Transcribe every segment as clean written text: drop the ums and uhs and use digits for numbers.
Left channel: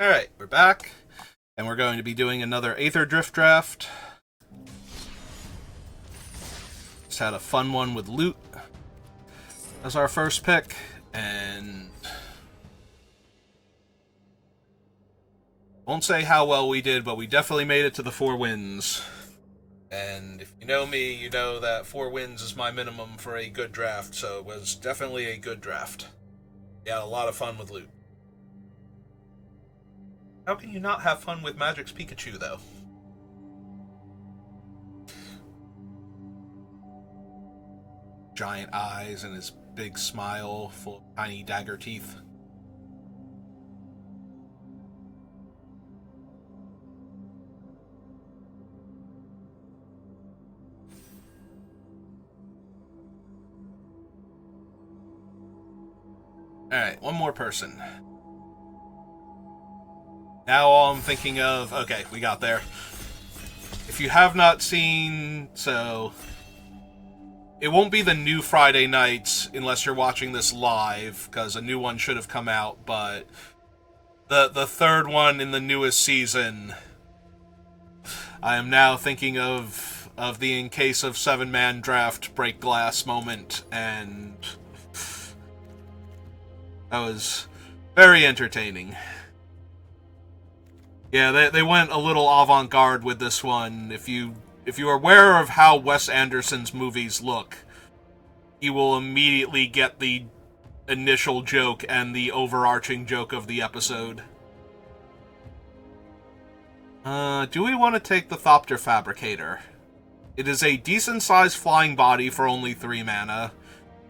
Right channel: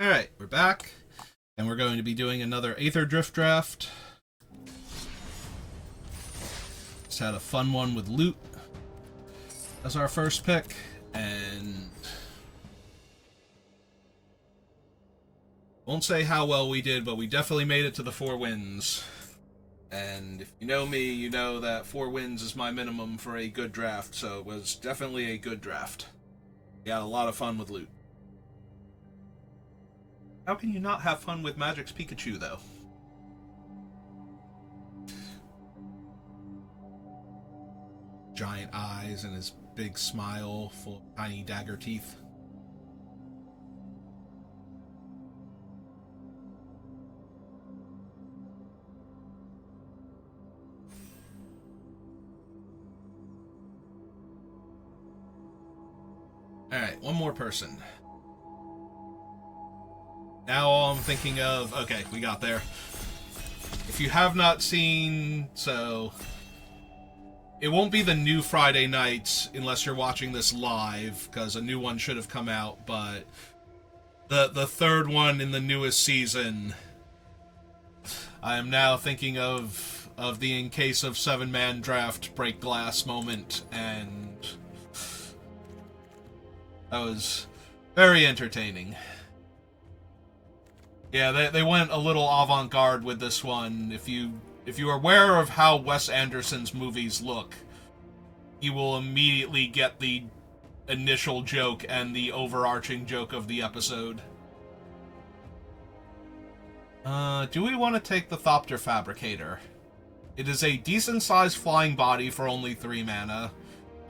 Alright, we're back, and we're going to be doing another Aetherdrift Draft. Just had a fun one with loot as our first pick, and won't say how well we did, but we definitely made it to the 4 wins. And if you know me, you know that 4 wins is my minimum for a good draft, so it was definitely a good draft. We had a lot of fun with loot. How can you not have fun with Magic's Pikachu, though? Giant eyes and his big smile full of tiny dagger teeth. Alright, one more person. Now all I'm thinking of... Okay, we got there. If you have not seen... So... It won't be the new Friday nights unless you're watching this live, because a new one should have come out, but... The third one in the newest season... I am now thinking of the in case of 7-man draft break glass moment, and... That was very entertaining. Yeah, they went a little avant-garde with this one. If you're aware of how Wes Anderson's movies look, you will immediately get the initial joke and the overarching joke of the episode. Do we want to take the Thopter Fabricator? It is a decent-sized flying body for only 3 mana,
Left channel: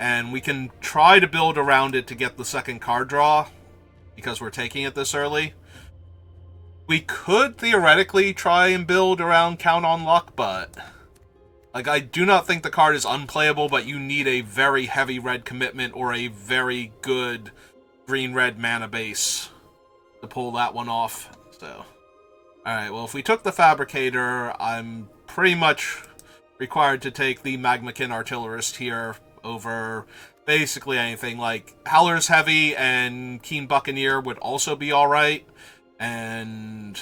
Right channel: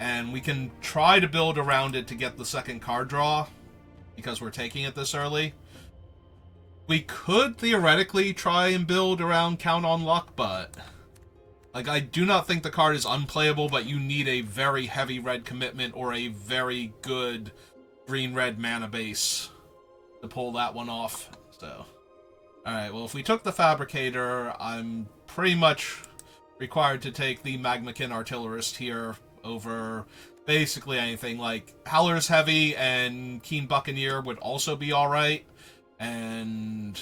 and we can try to build around it to get the second card draw, because we're taking it this early. We could theoretically try and build around Count on Luck, but... I do not think the card is unplayable, but you need a very heavy red commitment or a very good green-red mana base to pull that one off, so... Alright, well, if we took the Fabricator, I'm pretty much required to take the Magmakin Artillerist here over basically anything. Like, Howler's Heavy and Keen Buccaneer would also be alright, and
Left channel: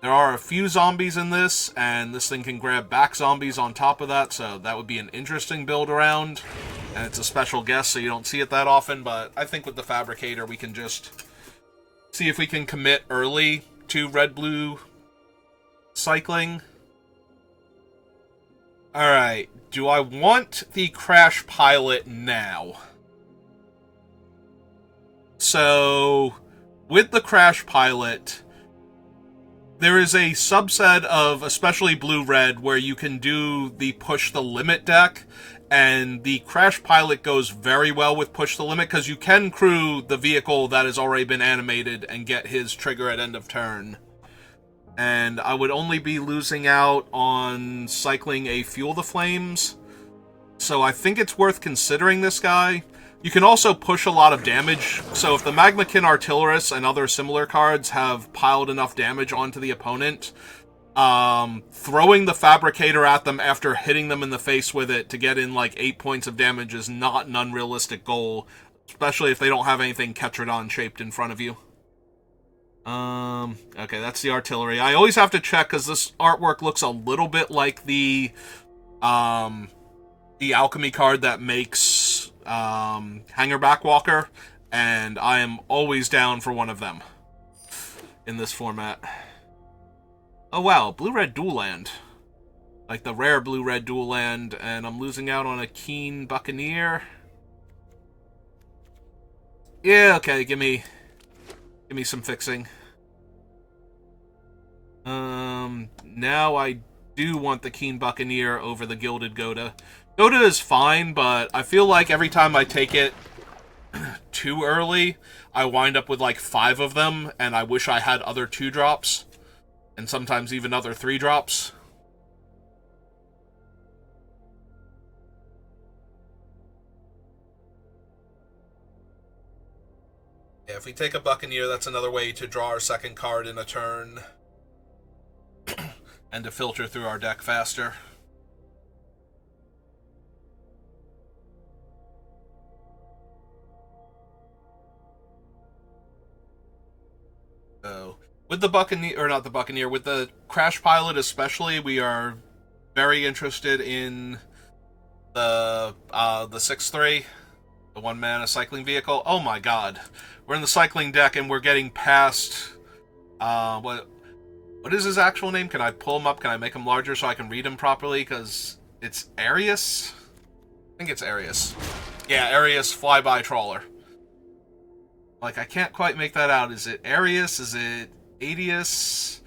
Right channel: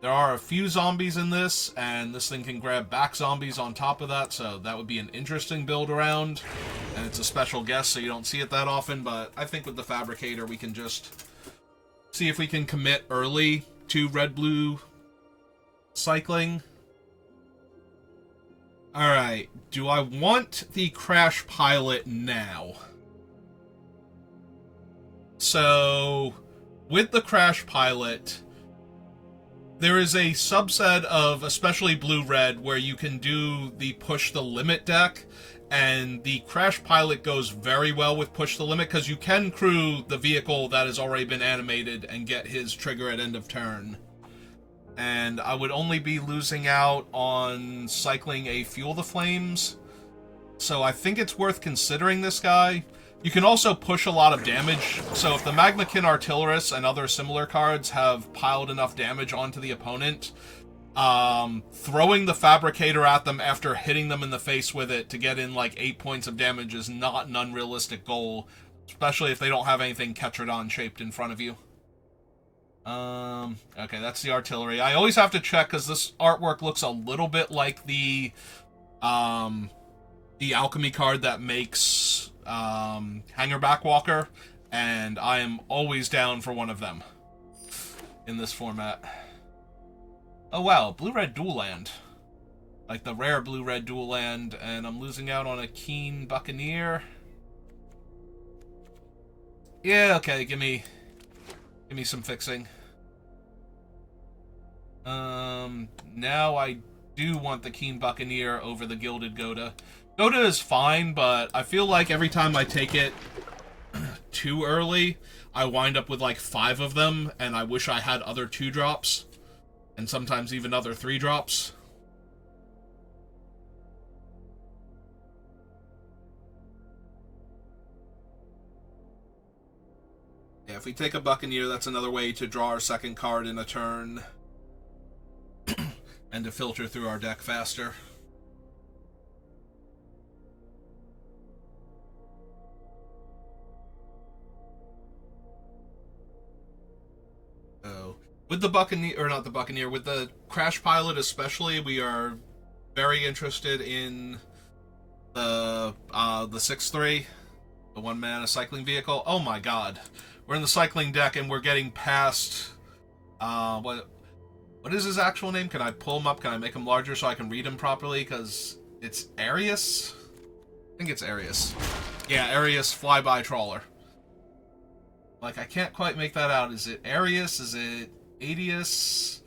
there are a few zombies in this, and this thing can grab back zombies on top of that, so that would be an interesting build around, and it's a special guest, so you don't see it that often, but I think with the Fabricator we can just see if we can commit early to red-blue cycling. Alright, do I want the Crash Pilot now? So, with the Crash Pilot, there is a subset of, especially blue-red, where you can do the Push the Limit deck, and the Crash Pilot goes very well with Push the Limit, because you can crew the vehicle that has already been animated and get his trigger at end of turn. And I would only be losing out on cycling a Fuel the Flames, so I think it's worth considering this guy. You can also push a lot of damage, so if the Magmakin Artillerist and other similar cards have piled enough damage onto the opponent, throwing the Fabricator at them after hitting them in the face with it to get in like 8 points of damage is not an unrealistic goal, especially if they don't have anything Ketrodon shaped in front of you. Okay, that's the artillery. I always have to check because this artwork looks a little bit like the alchemy card that makes Hangerback Walker, and I am always down for one of them in this format. Oh wow, blue-red dual land. Like the rare blue-red dual land, and I'm losing out on a Keen Buccaneer. Yeah, okay, give me some fixing. Now I do want the Keen Buccaneer over the Gilded Goda. Goda is fine, but I feel like every time I take it too early, I wind up with like 5 of them, and I wish I had other 2-drops, and sometimes even other 3-drops. Yeah, if we take a Buccaneer, that's another way to draw our second card in a turn and to filter through our deck faster. So, with the Buccaneer, or not the Buccaneer, with the Crash Pilot especially, we are very interested in the 6-3, the 1-mana cycling vehicle. Oh my god. We're in the cycling deck and we're getting past, what is his actual name? Can I pull him up? Can I make him larger so I can read him properly? Because it's Arius? I think it's Arius. Yeah, Arius Flyby Trawler. Like, I can't quite make that out. Is it Arius? Is it Adius?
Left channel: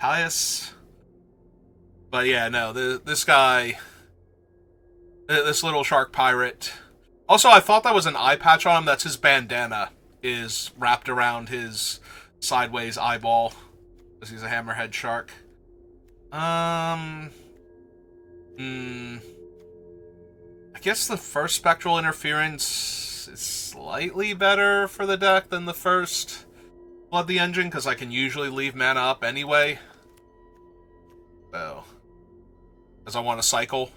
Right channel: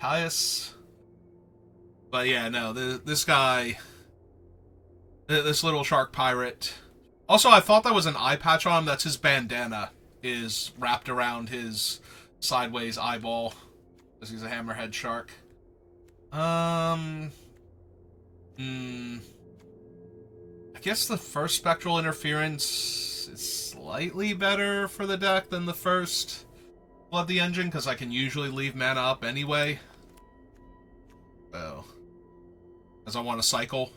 Tius? But yeah, no, this guy, this little shark pirate. Also, I thought that was an eye patch on him. That's his bandana is wrapped around his sideways eyeball, because he's a hammerhead shark. I guess the first Spectral Interference is slightly better for the deck than the first Flood the Engine, because I can usually leave mana up anyway. So, as I want to cycle.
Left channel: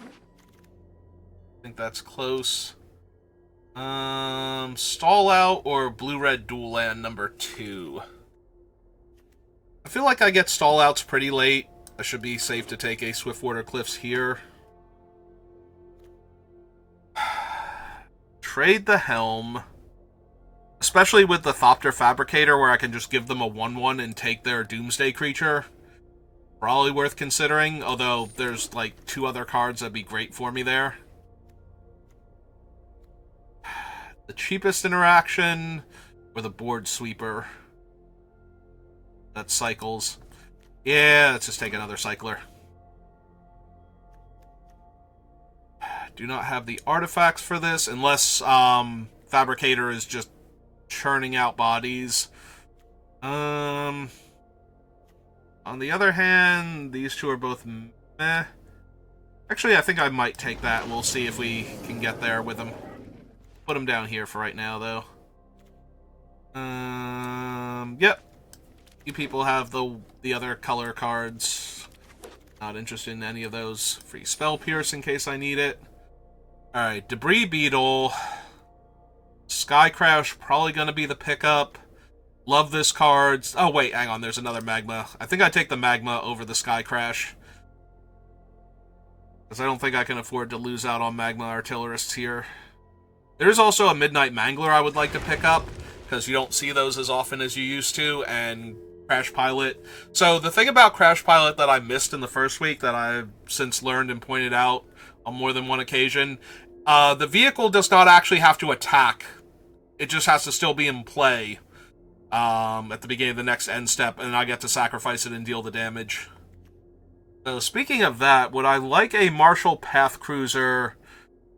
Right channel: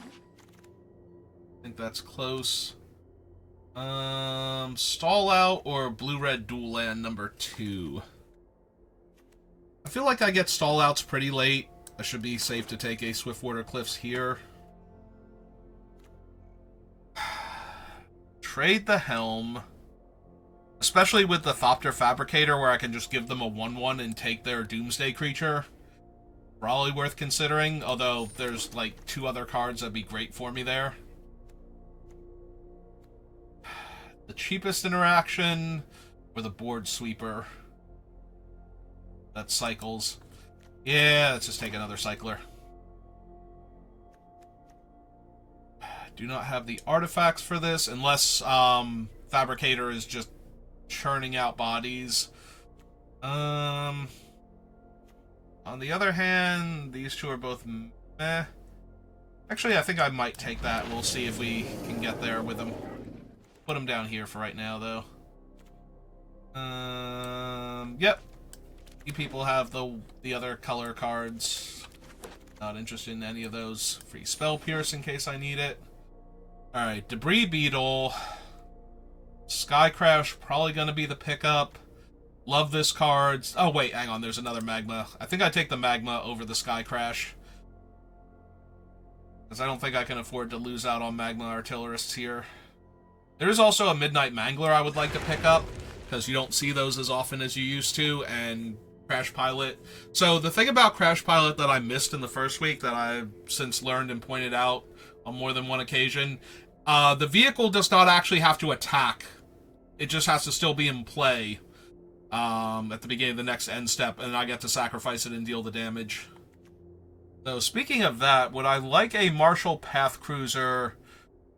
I think that's close. Stall Out or Blue-Red Dual Land number 2. I feel like I get Stall Outs pretty late. I should be safe to take a Swiftwater Cliffs here. Trade the Helm. Especially with the Thopter Fabricator, where I can just give them a 1-1 and take their Doomsday creature. Probably worth considering, although there's like 2 other cards that'd be great for me there. The cheapest interaction, or the Board Sweeper. That cycles. Yeah, let's just take another cycler. Do not have the artifacts for this, unless Fabricator is just churning out bodies. On the other hand, these 2 are both meh. Actually, I think I might take that. We'll see if we can get there with them. Put them down here for right now, though. Yep. You people have the other color cards. Not interested in any of those. Free Spell Pierce in case I need it. Alright, Debris Beetle. Sky Crash, probably going to be the pickup. Love this card. Oh, wait, hang on. There's another Magma. I think I take the Magma over the Sky Crash. Because I don't think I can afford to lose out on Magma Artillerists here. There is also a Midnight Mangler I would like to pick up, because you don't see those as often as you used to, and Crash Pilot. So the thing about Crash Pilot that I missed in the first week that I've since learned and pointed out on more than one occasion, the vehicle does not actually have to attack. It just has to still be in play at the beginning of the next end step, and I get to sacrifice it and deal the damage. So speaking of that, would I like a Marshall Path Cruiser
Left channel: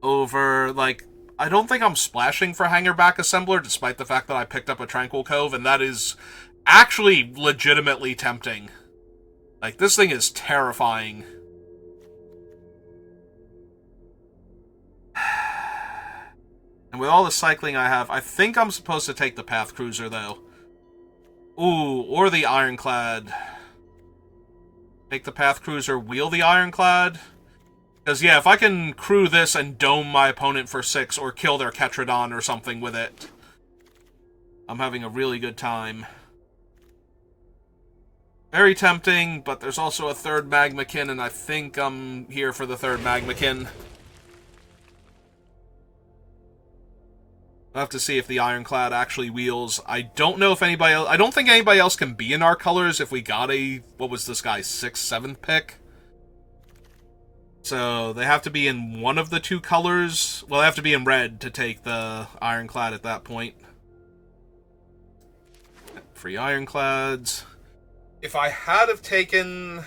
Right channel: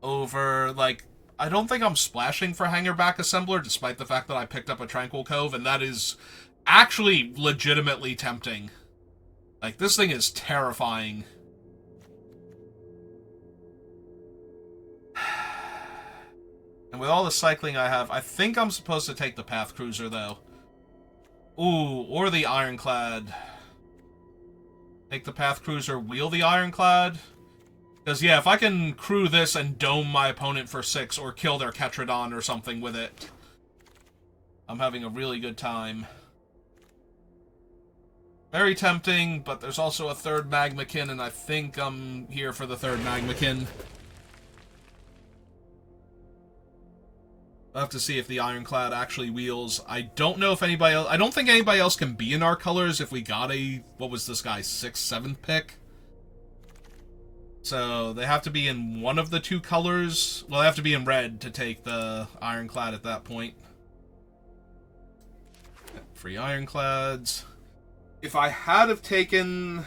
over, like, I don't think I'm splashing for Hangerback Assembler, despite the fact that I picked up a Tranquil Cove, and that is actually legitimately tempting. Like, this thing is terrifying. And with all the cycling I have, I think I'm supposed to take the Path Cruiser, though. Ooh, or the Ironclad. Take the Path Cruiser, wheel the Ironclad. Because, yeah, if I can crew this and dome my opponent for 6 or kill their Ketradon or something with it, I'm having a really good time. Very tempting, but there's also a 3rd Magmakin, and I think I'm here for the 3rd Magmakin. I'll have to see if the Ironclad actually wheels. I don't know if anybody else... I don't think anybody else can be in our colors if we got a... What was this guy's 6th, 7th pick? So they have to be in one of the 2 colors. Well, they have to be in red to take the Ironclad at that point. Free Ironclads. If I have taken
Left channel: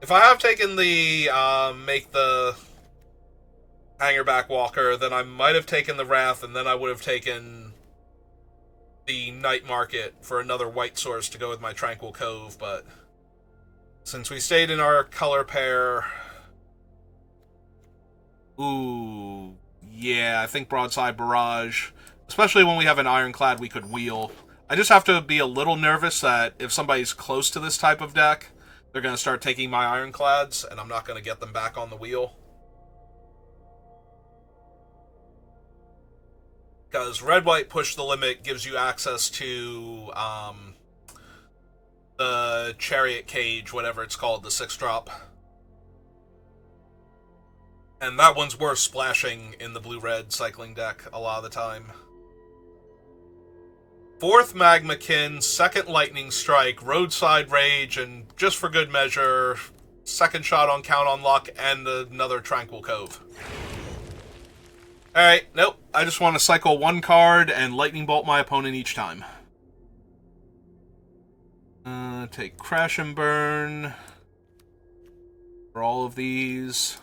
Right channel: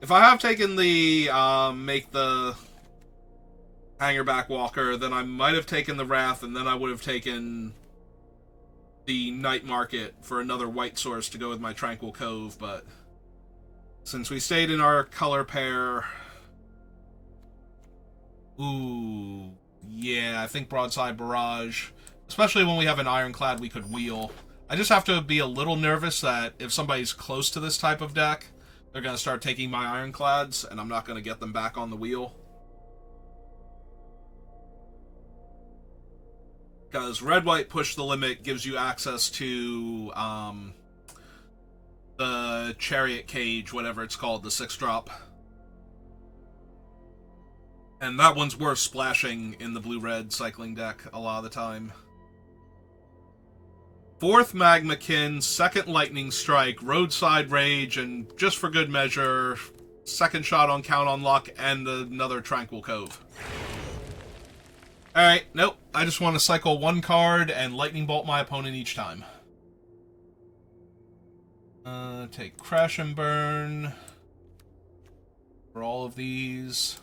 the make the Hangerback Walker, then I might have taken the Wrath, and then I would have taken the Night Market for another white source to go with my Tranquil Cove, but since we stayed in our color pair... Ooh, yeah, I think Broadside Barrage. Especially when we have an Ironclad we could wheel. I just have to be a little nervous that if somebody's close to this type of deck, they're going to start taking my Ironclads, and I'm not going to get them back on the wheel. Because red-white push the limit gives you access to the chariot cage, whatever it's called, the 6-drop. And that one's worth splashing in the blue-red cycling deck a lot of the time. 4th Magmakin, 2nd Lightning Strike, Roadside Rage, and just for good measure, 2nd shot on Count on Luck, and another Tranquil Cove. Alright, nope. I just want to cycle 1 card and Lightning Bolt my opponent each time. Take Crash and Burn for all of these.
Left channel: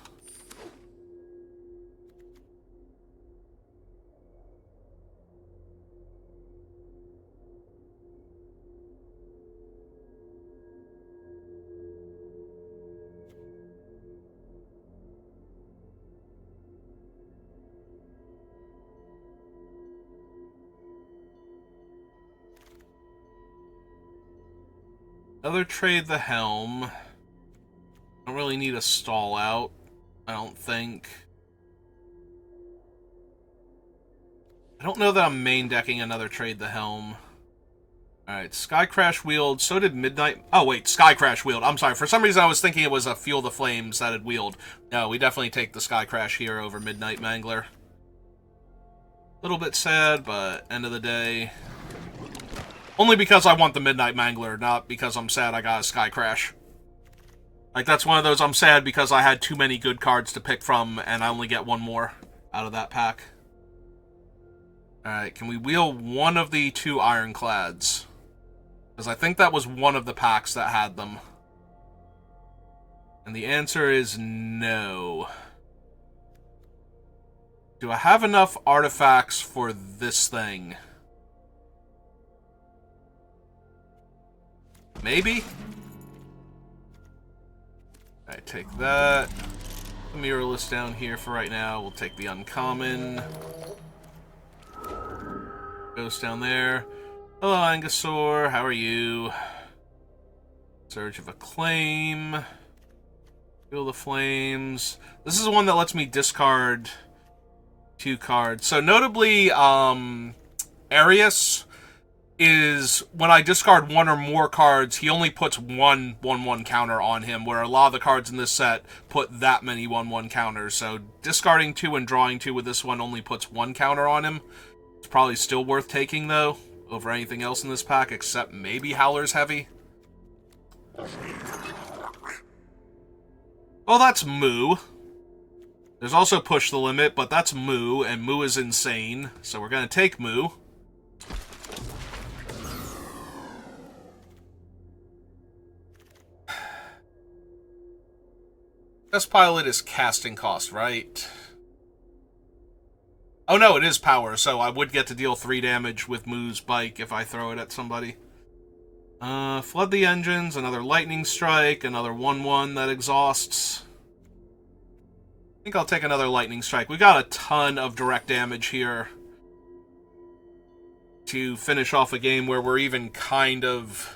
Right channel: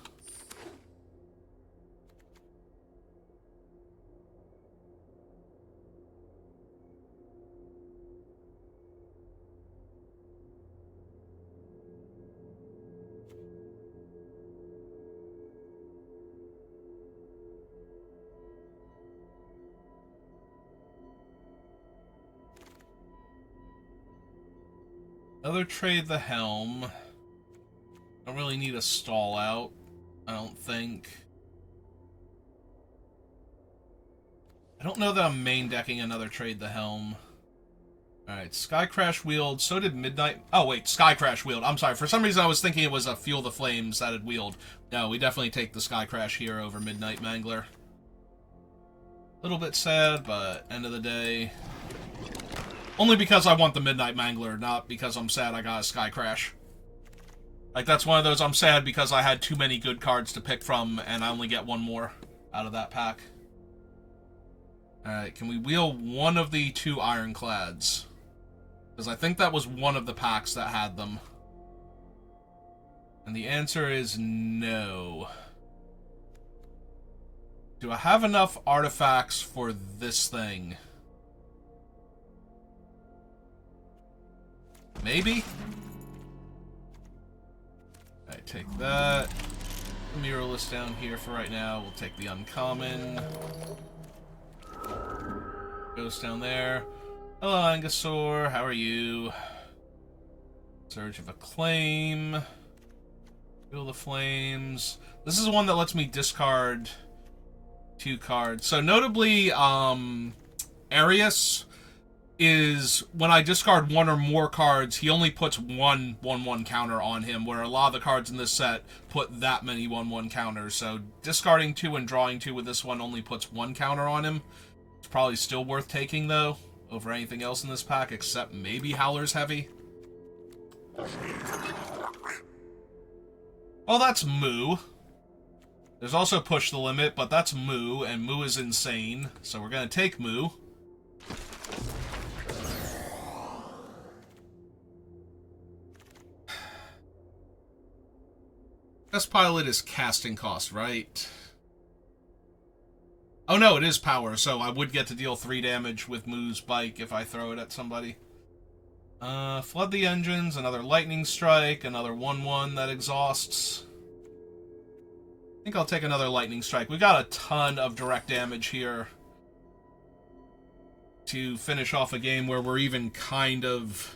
Another Trade the Helm. Don't really need a stall out, I don't think. I don't know that I'm main decking another Trade the Helm. Alright, Sky Crash Wield. So did Midnight... Oh, wait, Sky Crash Wield. I'm sorry. For some reason, I was thinking it was a Fuel the Flames that had wield. No, we definitely take the Sky Crash here over Midnight Mangler. A little bit sad, but end of the day... Only because I want the Midnight Mangler, not because I'm sad I got a Sky Crash. Like, that's one of those I'm sad because I had too many good cards to pick from, and I only get one more out of that pack. Alright, can we wheel one of the 2 Ironclads? Because I think that was one of the packs that had them. And the answer is no. Do I have enough artifacts for this thing? Maybe? Alright, take that. The Mirrorless down here for right now. We'll take the uncommon. Ghost down there. Hello, Angusaur. How are you? Surge of Acclaim. Feel the Flames. This is the one that lets me discard 2 cards. So notably, Arius is, when I discard 1 or more cards, he only puts 1/1/1 counter on him, where a lot of the cards in this set put that many 1/1 counters. So discarding 2 and drawing 2 with this one only puts 1 counter on him. It's probably still worth taking, though, over anything else in this pack, except maybe Howler's Heavy. Oh, that's Moo. There's also Push the Limit, but that's Moo, and Moo is insane, so we're going to take Moo. Best pilot is casting cost, right? Oh no, it is power, so I would get to deal 3 damage with Moo's bike if I throw it at somebody. Flood the engines, another lightning strike, another 1/1 that exhausts. I think I'll take another lightning strike. We got a ton of direct damage here to finish off a game where we're even kind of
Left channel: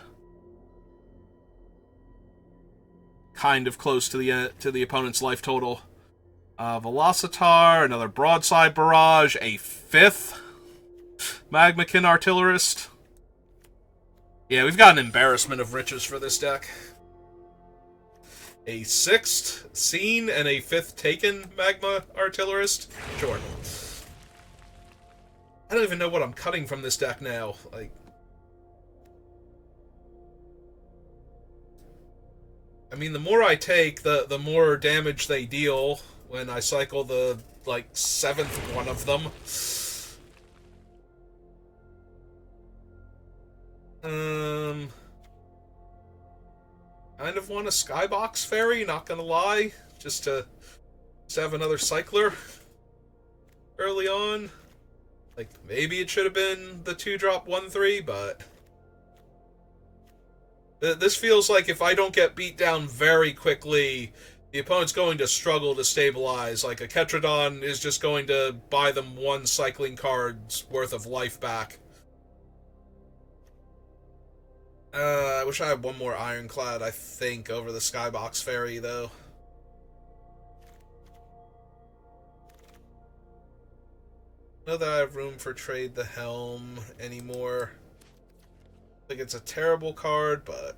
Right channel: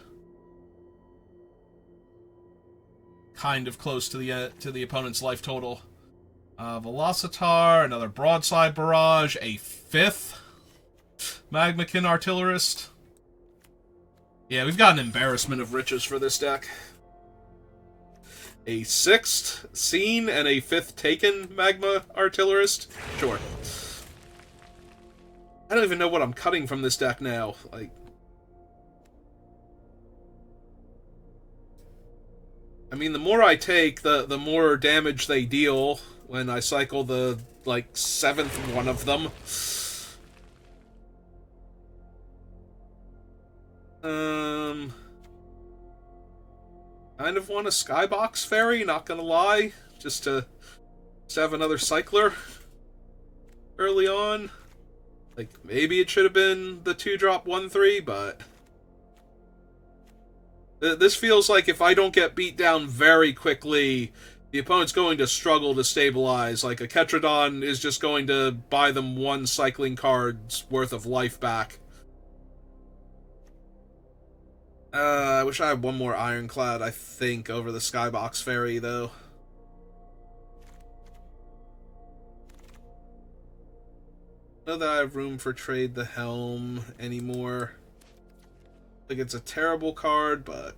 close to the opponent's life total. Velocitar, another Broadside Barrage, a 5th Magmakin Artillerist. Yeah, we've got an embarrassment of riches for this deck. A 6th Scene and a 5th Taken Magma Artillerist. Sure. I don't even know what I'm cutting from this deck now. Like, I mean, the more I take, the more damage they deal when I cycle the, like, 7th one of them. Kind of want a Skybox Fairy, not gonna lie. Just to have another Cycler early on. Like, maybe it should have been the 2-drop 1/3, but this feels like if I don't get beat down very quickly, the opponent's going to struggle to stabilize. Like, a Ketradon is just going to buy them 1 cycling card's worth of life back. I wish I had 1 more Ironclad, I think, over the Skybox Fairy, though. that I have room for Trade the Helm anymore. Like, it's a terrible card, but...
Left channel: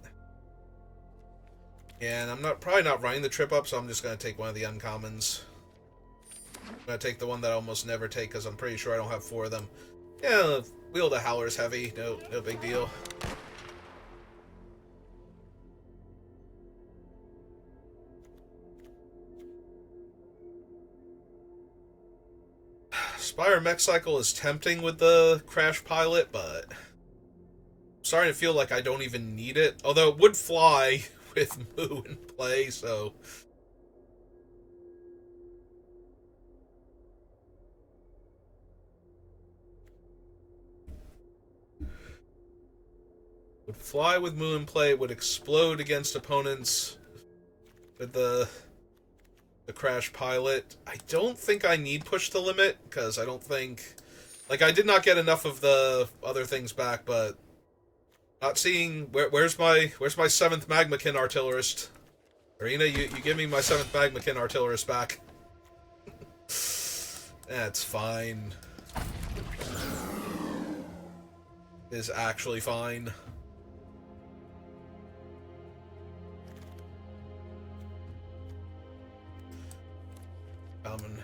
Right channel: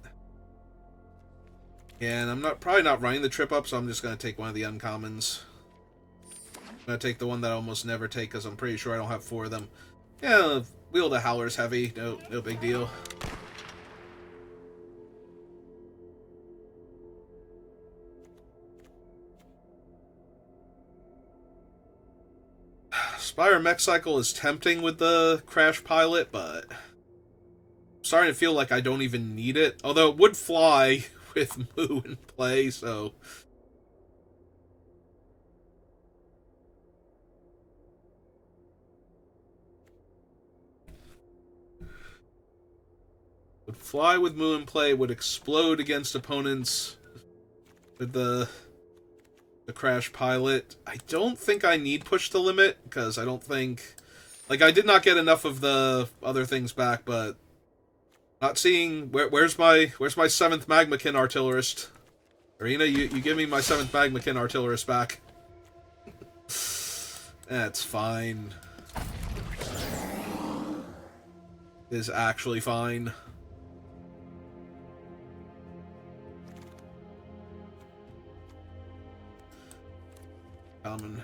Yeah, and I'm probably not running the trip up, so I'm just going to take one of the uncommons. I'm going to take the one that I almost never take, because I'm pretty sure I don't have 4 of them. Yeah, Wield of Howler's heavy. No big deal. Spire Mech Cycle is tempting with the Crash Pilot, but I'm starting to feel like I don't even need it. Although it would fly with Moo in play, so... Would fly with Moo in play, would explode against opponents with the Crash Pilot. I don't think I need Push the Limit, because I don't think... Like, I did not get enough of the other things back, but... Not seeing... Where's my 7th Magmakin Artillerist? Arena, you give me my 7th Magmakin Artillerist back. That's fine. It is actually fine. Common.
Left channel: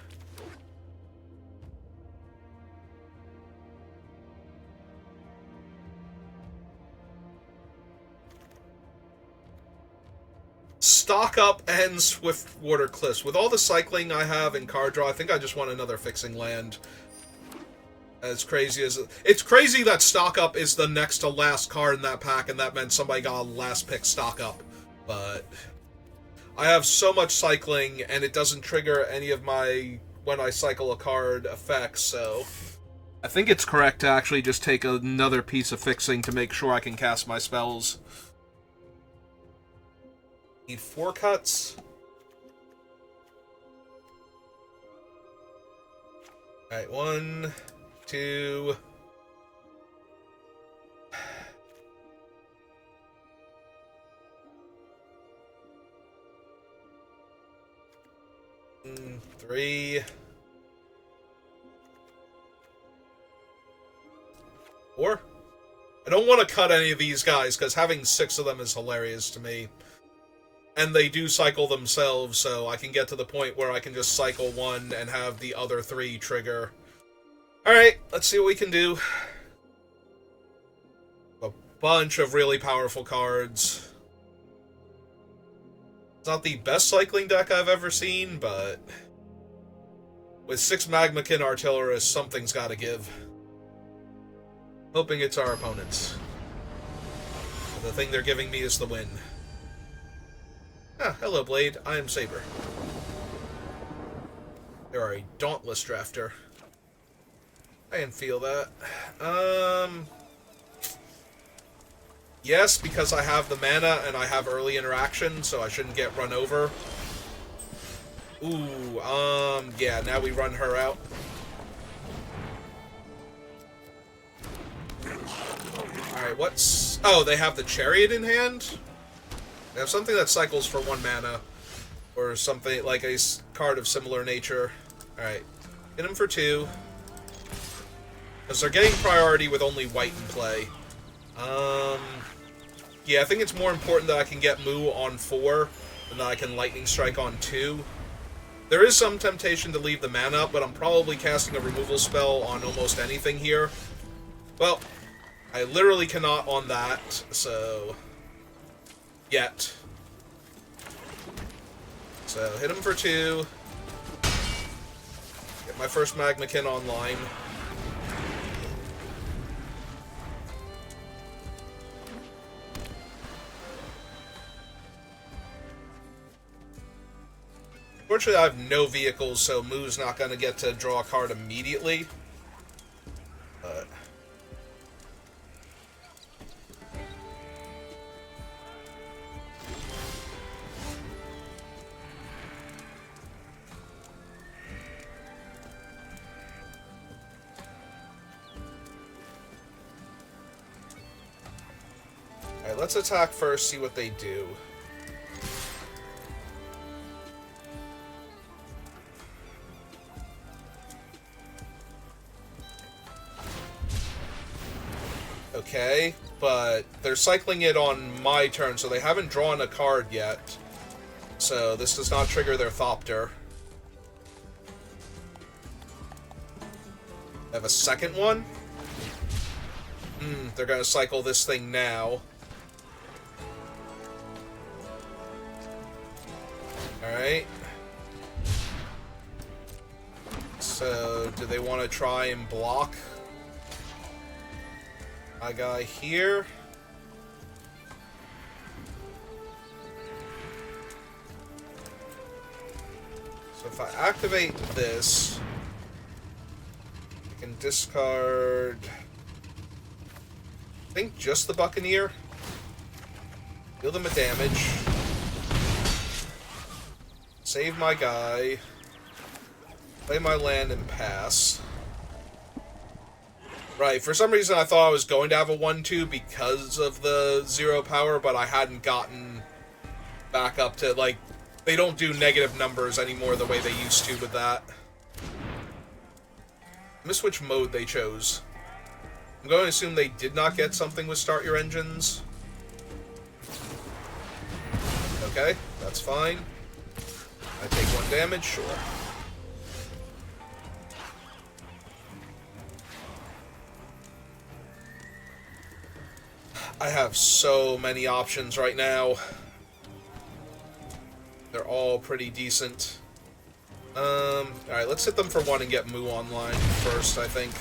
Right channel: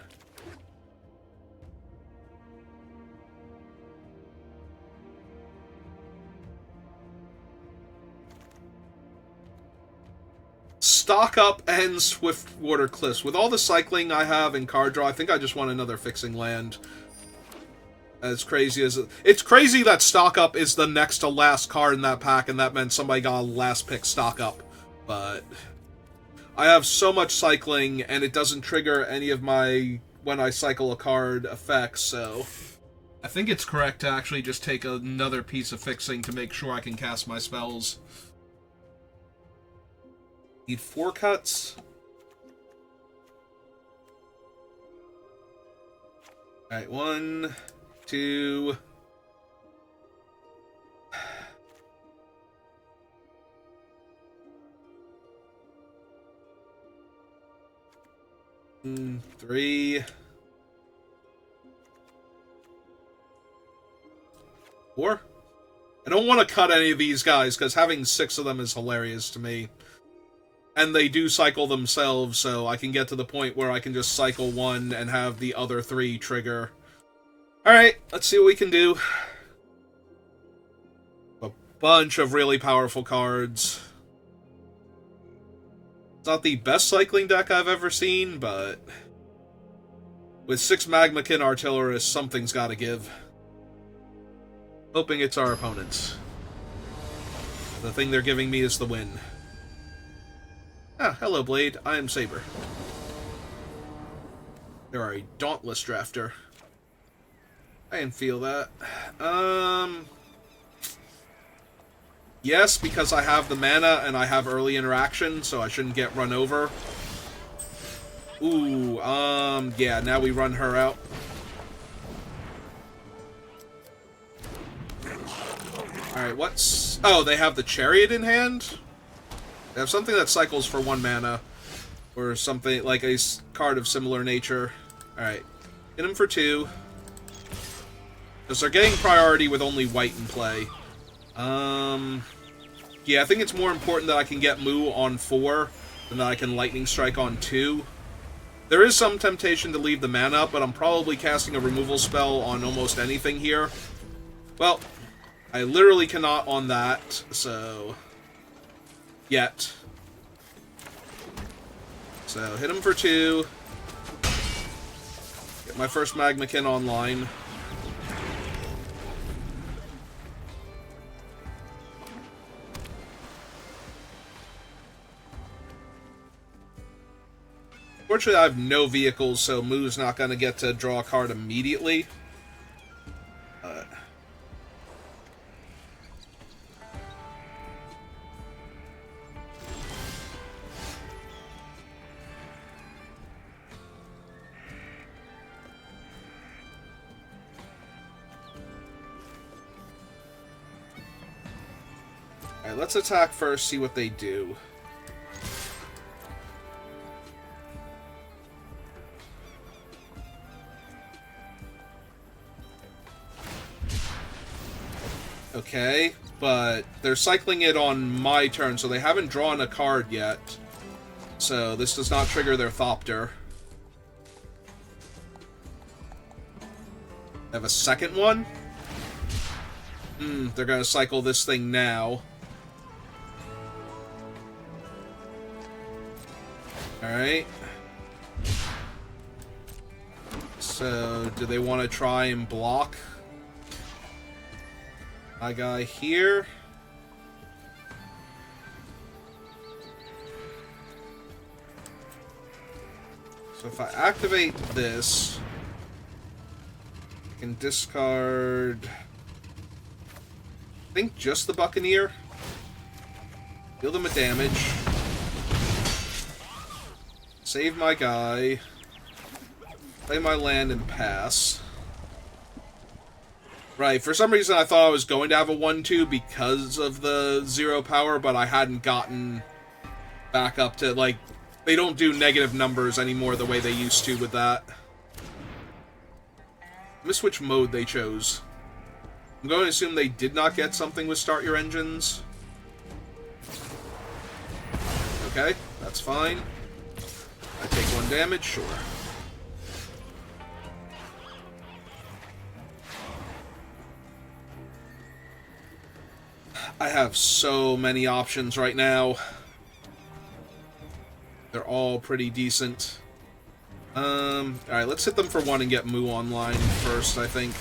Stock up and Swiftwater Cliffs. With all the cycling I have in card draw, I think I just want another fixing land. As crazy as it's crazy that stock up is the next to last card in that pack, and that meant somebody got a last pick stock up. But I have so much cycling, and it doesn't trigger any of my when I cycle a card effects, so I think it's correct to actually just take another piece of fixing to make sure I can cast my spells. Need 4 cuts. Alright, 1, 2... 3... 4? I don't want to cut any of these guys, because having 6 of them is hilarious to me. And they do cycle themselves, so I can get to the point where I can just cycle 1 and have the other 3 trigger. Alright, let's see what we can do. A bunch of really powerful cards. It's not the best cycling deck I've ever seen, but with 6 Magmakin Artillerists, something's gotta give. Hoping it's our opponents. The thing they're giving me is the win. Ah, hello, Blade. I am Saber. You are a dauntless drafter. I can feel that. Yes, because I have the mana and I have early interaction, so I shouldn't get run over. Ooh, yeah, now we run her out. Alright, what's... Oh, they have the Chariot in hand? They have something that cycles for 1 mana, or something like a card of similar nature. Alright, hit him for 2. Because they're getting priority with only white in play. Yeah, I think it's more important that I can get Moo on 4 than that I can Lightning Strike on 2. There is some temptation to leave the mana up, but I'm probably casting a removal spell on almost anything here. Well, I literally cannot on that, so... Yet. So, hit him for 2. Get my first Magmakin online. Fortunately, I have no vehicles, so Moo's not going to get to draw a card immediately. But... Alright, let's attack first, see what they do. Okay, but they're cycling it on my turn, so they haven't drawn a card yet. So this does not trigger their Thopter. They have a second one? They're going to cycle this thing now. Alright. So, do they want to try and block my guy here? So if I activate this, I can discard, I think, just the Buccaneer. Deal them a damage. Save my guy. Play my land and pass. Right, for some reason I thought I was going to have a 1-2 because of the 0 power, but I hadn't gotten back up to, like, they don't do negative numbers anymore the way they used to with that. I miss which mode they chose. I'm going to assume they did not get something with Start Your Engines. Okay, that's fine. I take 1 damage, sure. I have so many options right now. They're all pretty decent. Alright, let's hit them for 1 and get Moo online first, I think.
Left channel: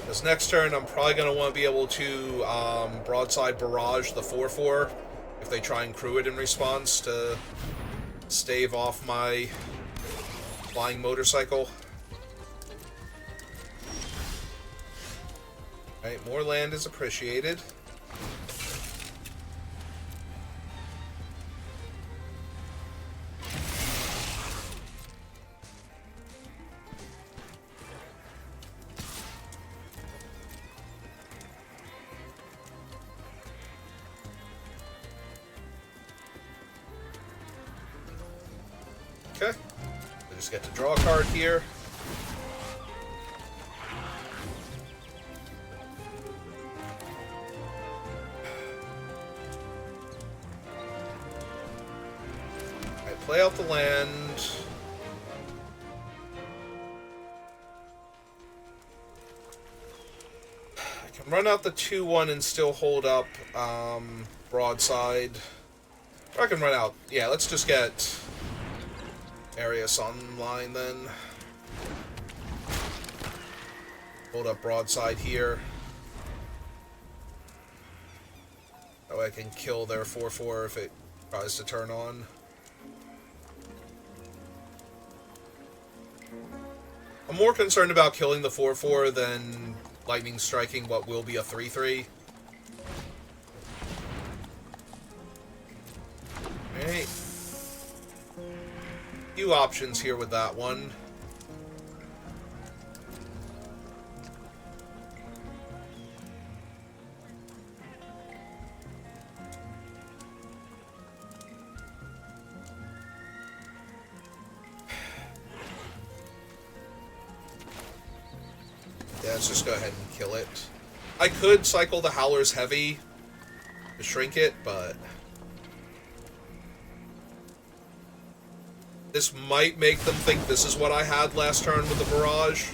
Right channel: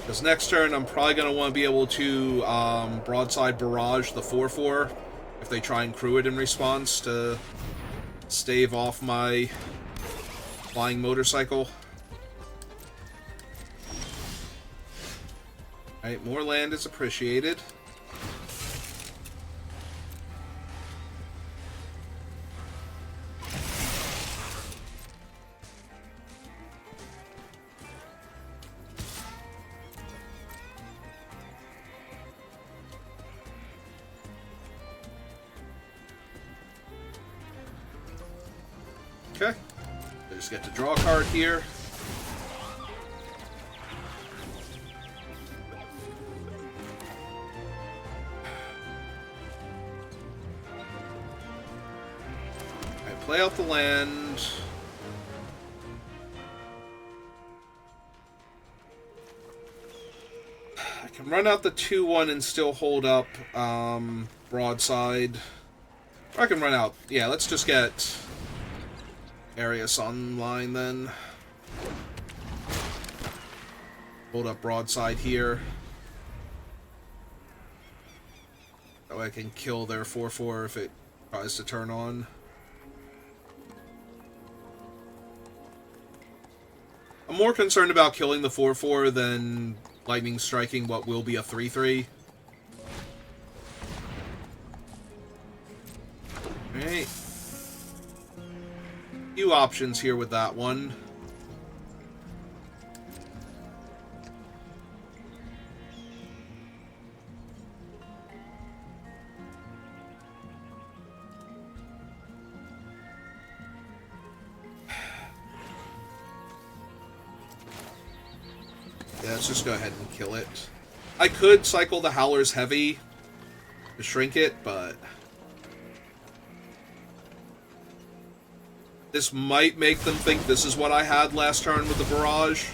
Because next turn, I'm probably going to want to be able to broadside barrage the 4/4 if they try and crew it in response to stave off my flying motorcycle. Alright, more land is appreciated. Okay. We just get to draw a card here. Alright, play out the land. I can run out the 2/1 and still hold up broadside. Or I can run out. Yeah, let's just get Arius online then. Hold up broadside here. That way I can kill their 4/4 if it tries to turn on. I'm more concerned about killing the 4/4 than lightning striking what will be a 3/3. Alright. Few options here with that one. Yeah, let's just go ahead and kill it. I could cycle the Howler's Heavy to shrink it, but this might make them think this is what I had last turn with the barrage.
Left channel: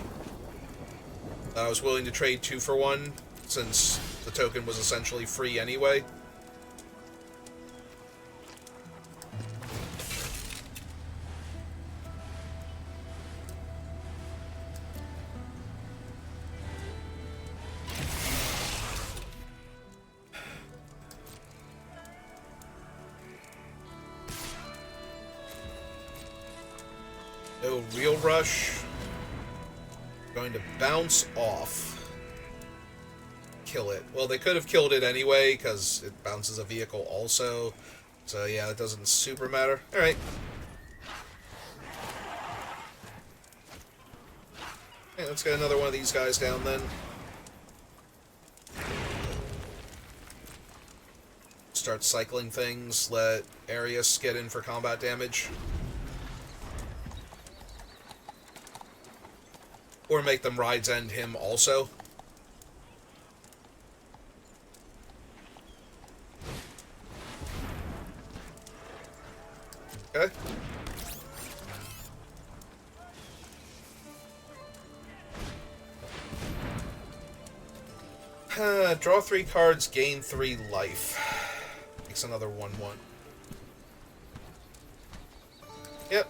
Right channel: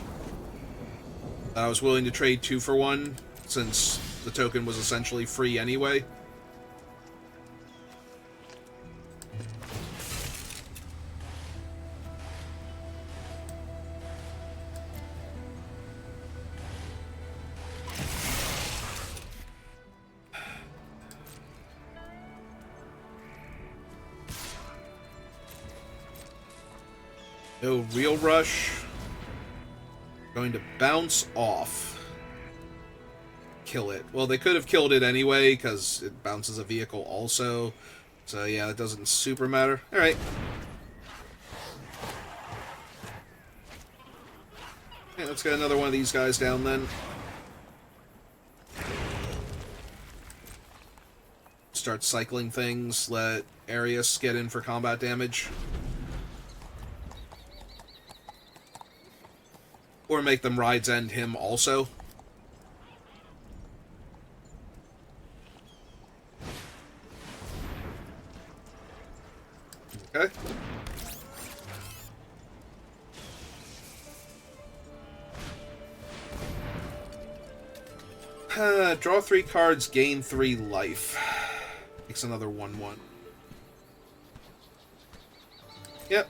That I was willing to trade 2 for 1, since the token was essentially free anyway. No real rush. Going to bounce off. Kill it. Well, they could have killed it anyway, because it bounces a vehicle also. So yeah, that doesn't super matter. Alright. Okay, let's get another one of these guys down then. Start cycling things, let Arius get in for combat damage. Or make them Ride's End him also. Okay. Draw 3 cards, gain 3 life. Makes another 1/1. Yep.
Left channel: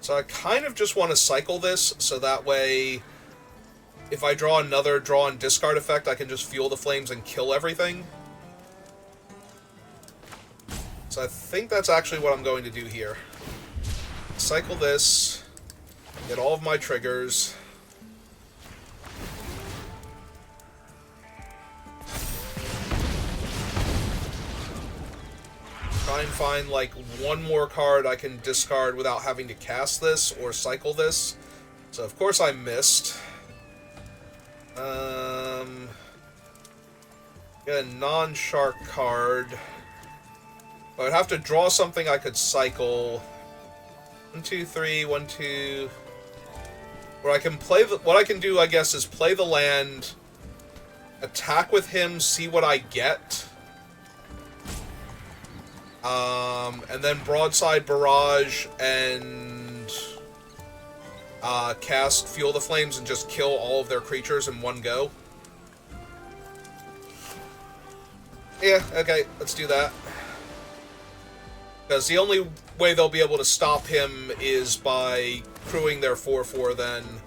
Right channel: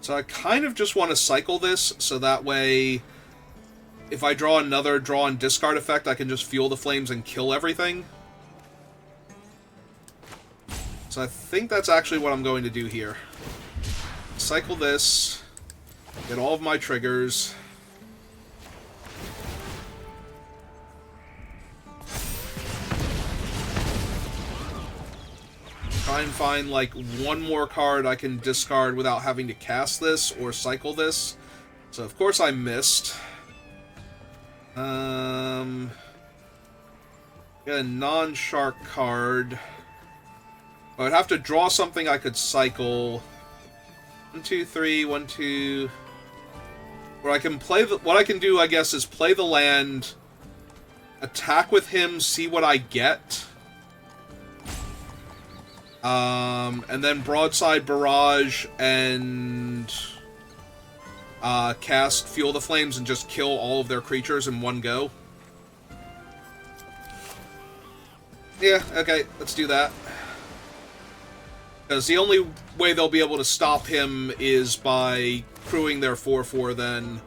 So I kind of just want to cycle this, so that way, if I draw another draw and discard effect, I can just Fuel the Flames and kill everything. So I think that's actually what I'm going to do here. Cycle this, get all of my triggers. Try and find, like, one more card I can discard without having to cast this or cycle this. So, of course, I missed. Get a non-shark card. I would have to draw something I could cycle. 1, 2, 3, 1, 2. Where I can play the, what I can do, I guess, is play the land, attack with him, see what I get. And then Broadside Barrage and cast Fuel the Flames and just kill all of their creatures in one go. Yeah, okay, let's do that. Because the only way they'll be able to stop him is by crewing their 4/4 then.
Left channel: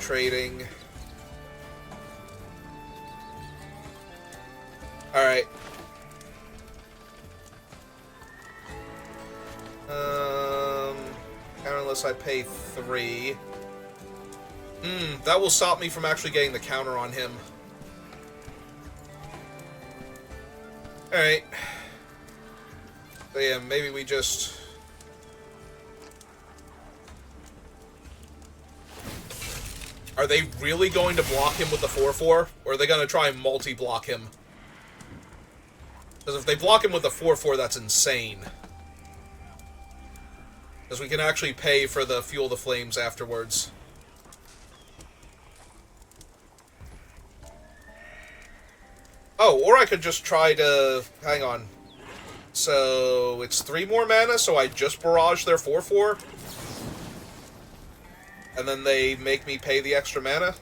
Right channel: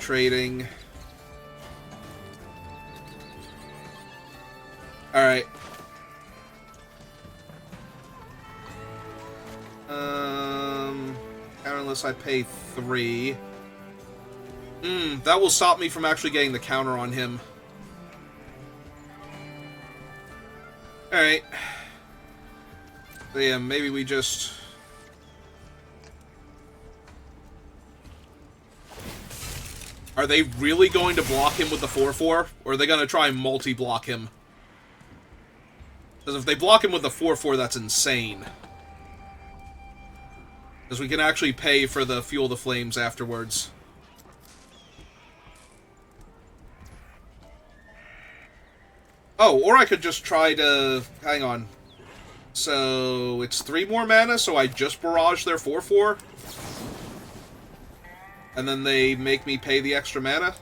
Trading. Alright. Unless I pay 3. That will stop me from actually getting the counter on him. Alright. So yeah, maybe we just... Are they really going to block him with the 4/4? Or are they going to try and multi-block him? Because if they block him with the 4/4, that's insane. Because we can actually pay for the Fuel the Flames afterwards. Oh, or I could just try to... Hang on. So, it's 3 more mana, so I just barrage their 4/4? And then they make me pay the extra mana?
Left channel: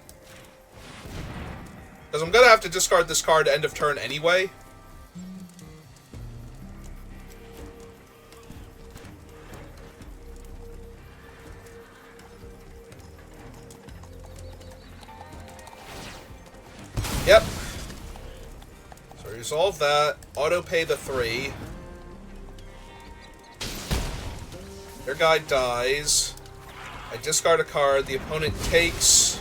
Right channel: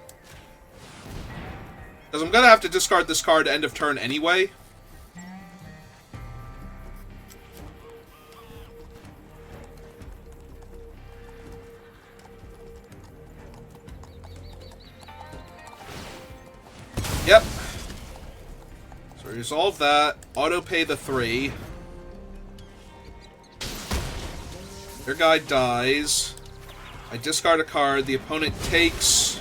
Because I'm going to have to discard this card end of turn anyway. Yep. So resolve that. Auto pay the 3. Their guy dies. I discard a card. The opponent takes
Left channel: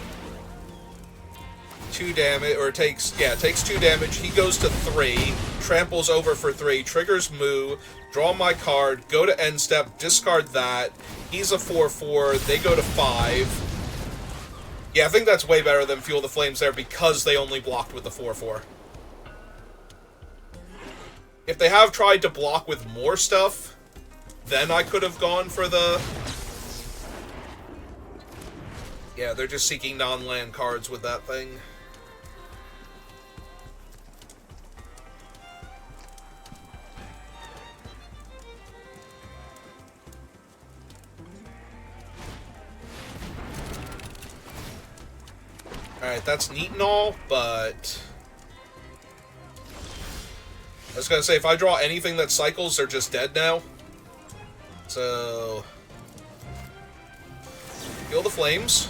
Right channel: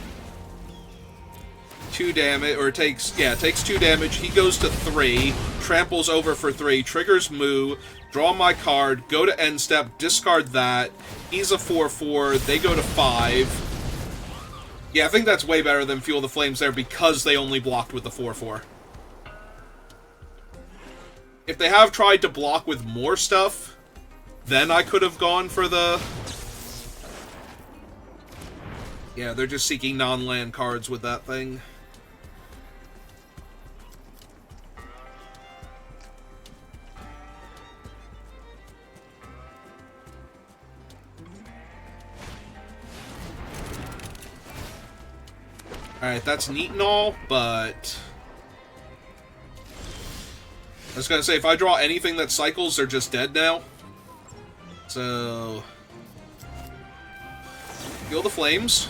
2 damage, or takes 2 damage. He goes to 3. Tramples over for 3. Triggers Moo. Draw my card. Go to end step. Discard that. He's a 4/4. They go to 5. Yeah, I think that's way better than Fuel the Flames there because they only blocked with the 4/4. If they have tried to block with more stuff, then I could have gone for the... Yeah, they're just seeking non-land cards with that thing. Alright, that's neat and all, but... I was gonna say, if I draw anything that cycles, they're just dead now. So... Fuel the Flames.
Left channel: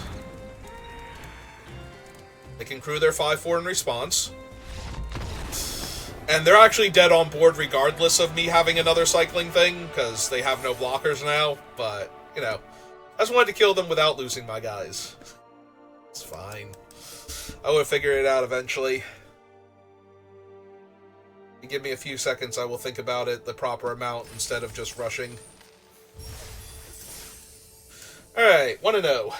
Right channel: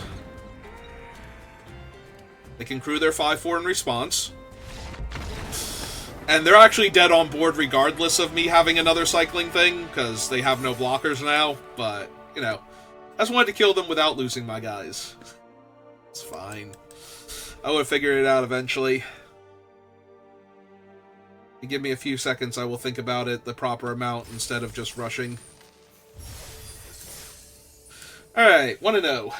They can crew their 5/4 in response. And they're actually dead on board regardless of me having another cycling thing, because they have no blockers now, but, you know. I just wanted to kill them without losing my guys. It's fine. I would have figured it out eventually. Give me a few seconds, I will think about it the proper amount instead of just rushing. Alright, 1-0.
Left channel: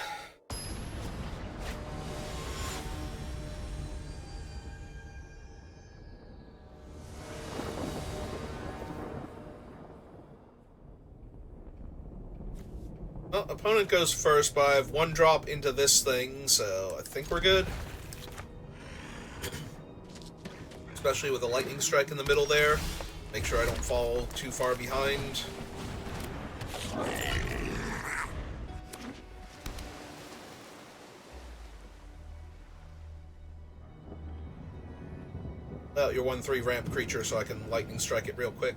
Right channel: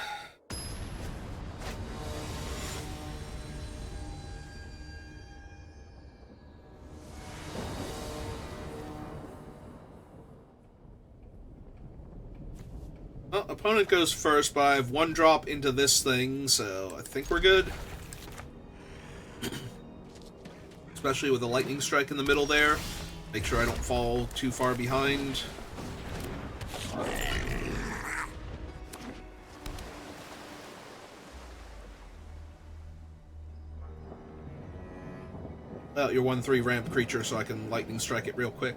Well, opponent goes first, but I have 1 drop into this thing, so I think we're good. Especially with a lightning strike in the middle there. Make sure I don't fall too far behind. Well, you're 1/3 ramp creature, so I can lightning strike it real quick.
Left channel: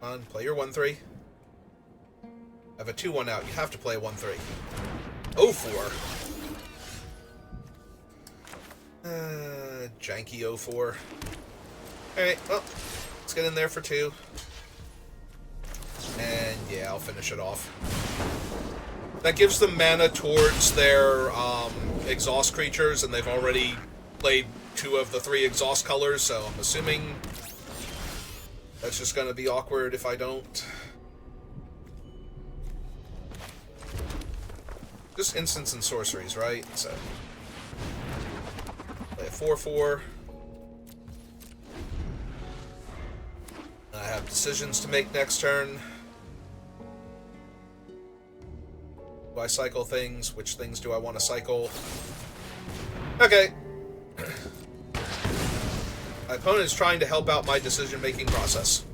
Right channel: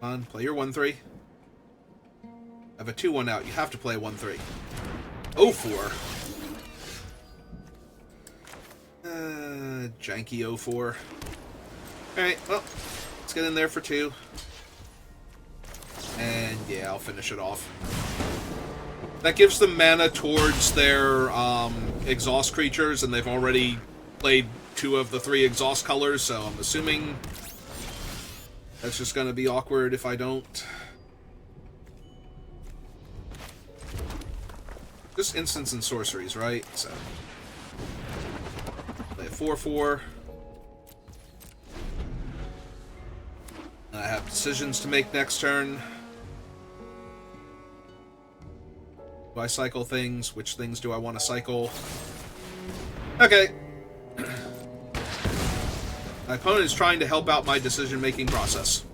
Come on, play your 1/3. I have a 2/1 out. You have to play a 1/3. 0-4. Janky 0-4. Alright, well, let's get in there for 2. And yeah, I'll finish it off. That gives them mana towards their exhaust creatures, and they've already played 2 of the 3 exhaust colors, so I'm assuming that's just going to be awkward if I don't. Just instants and sorceries, right? So play a 4/4. I have decisions to make next turn. Do I cycle things? Which things do I want to cycle? Okay. My opponent is trying to help out my decision-making process.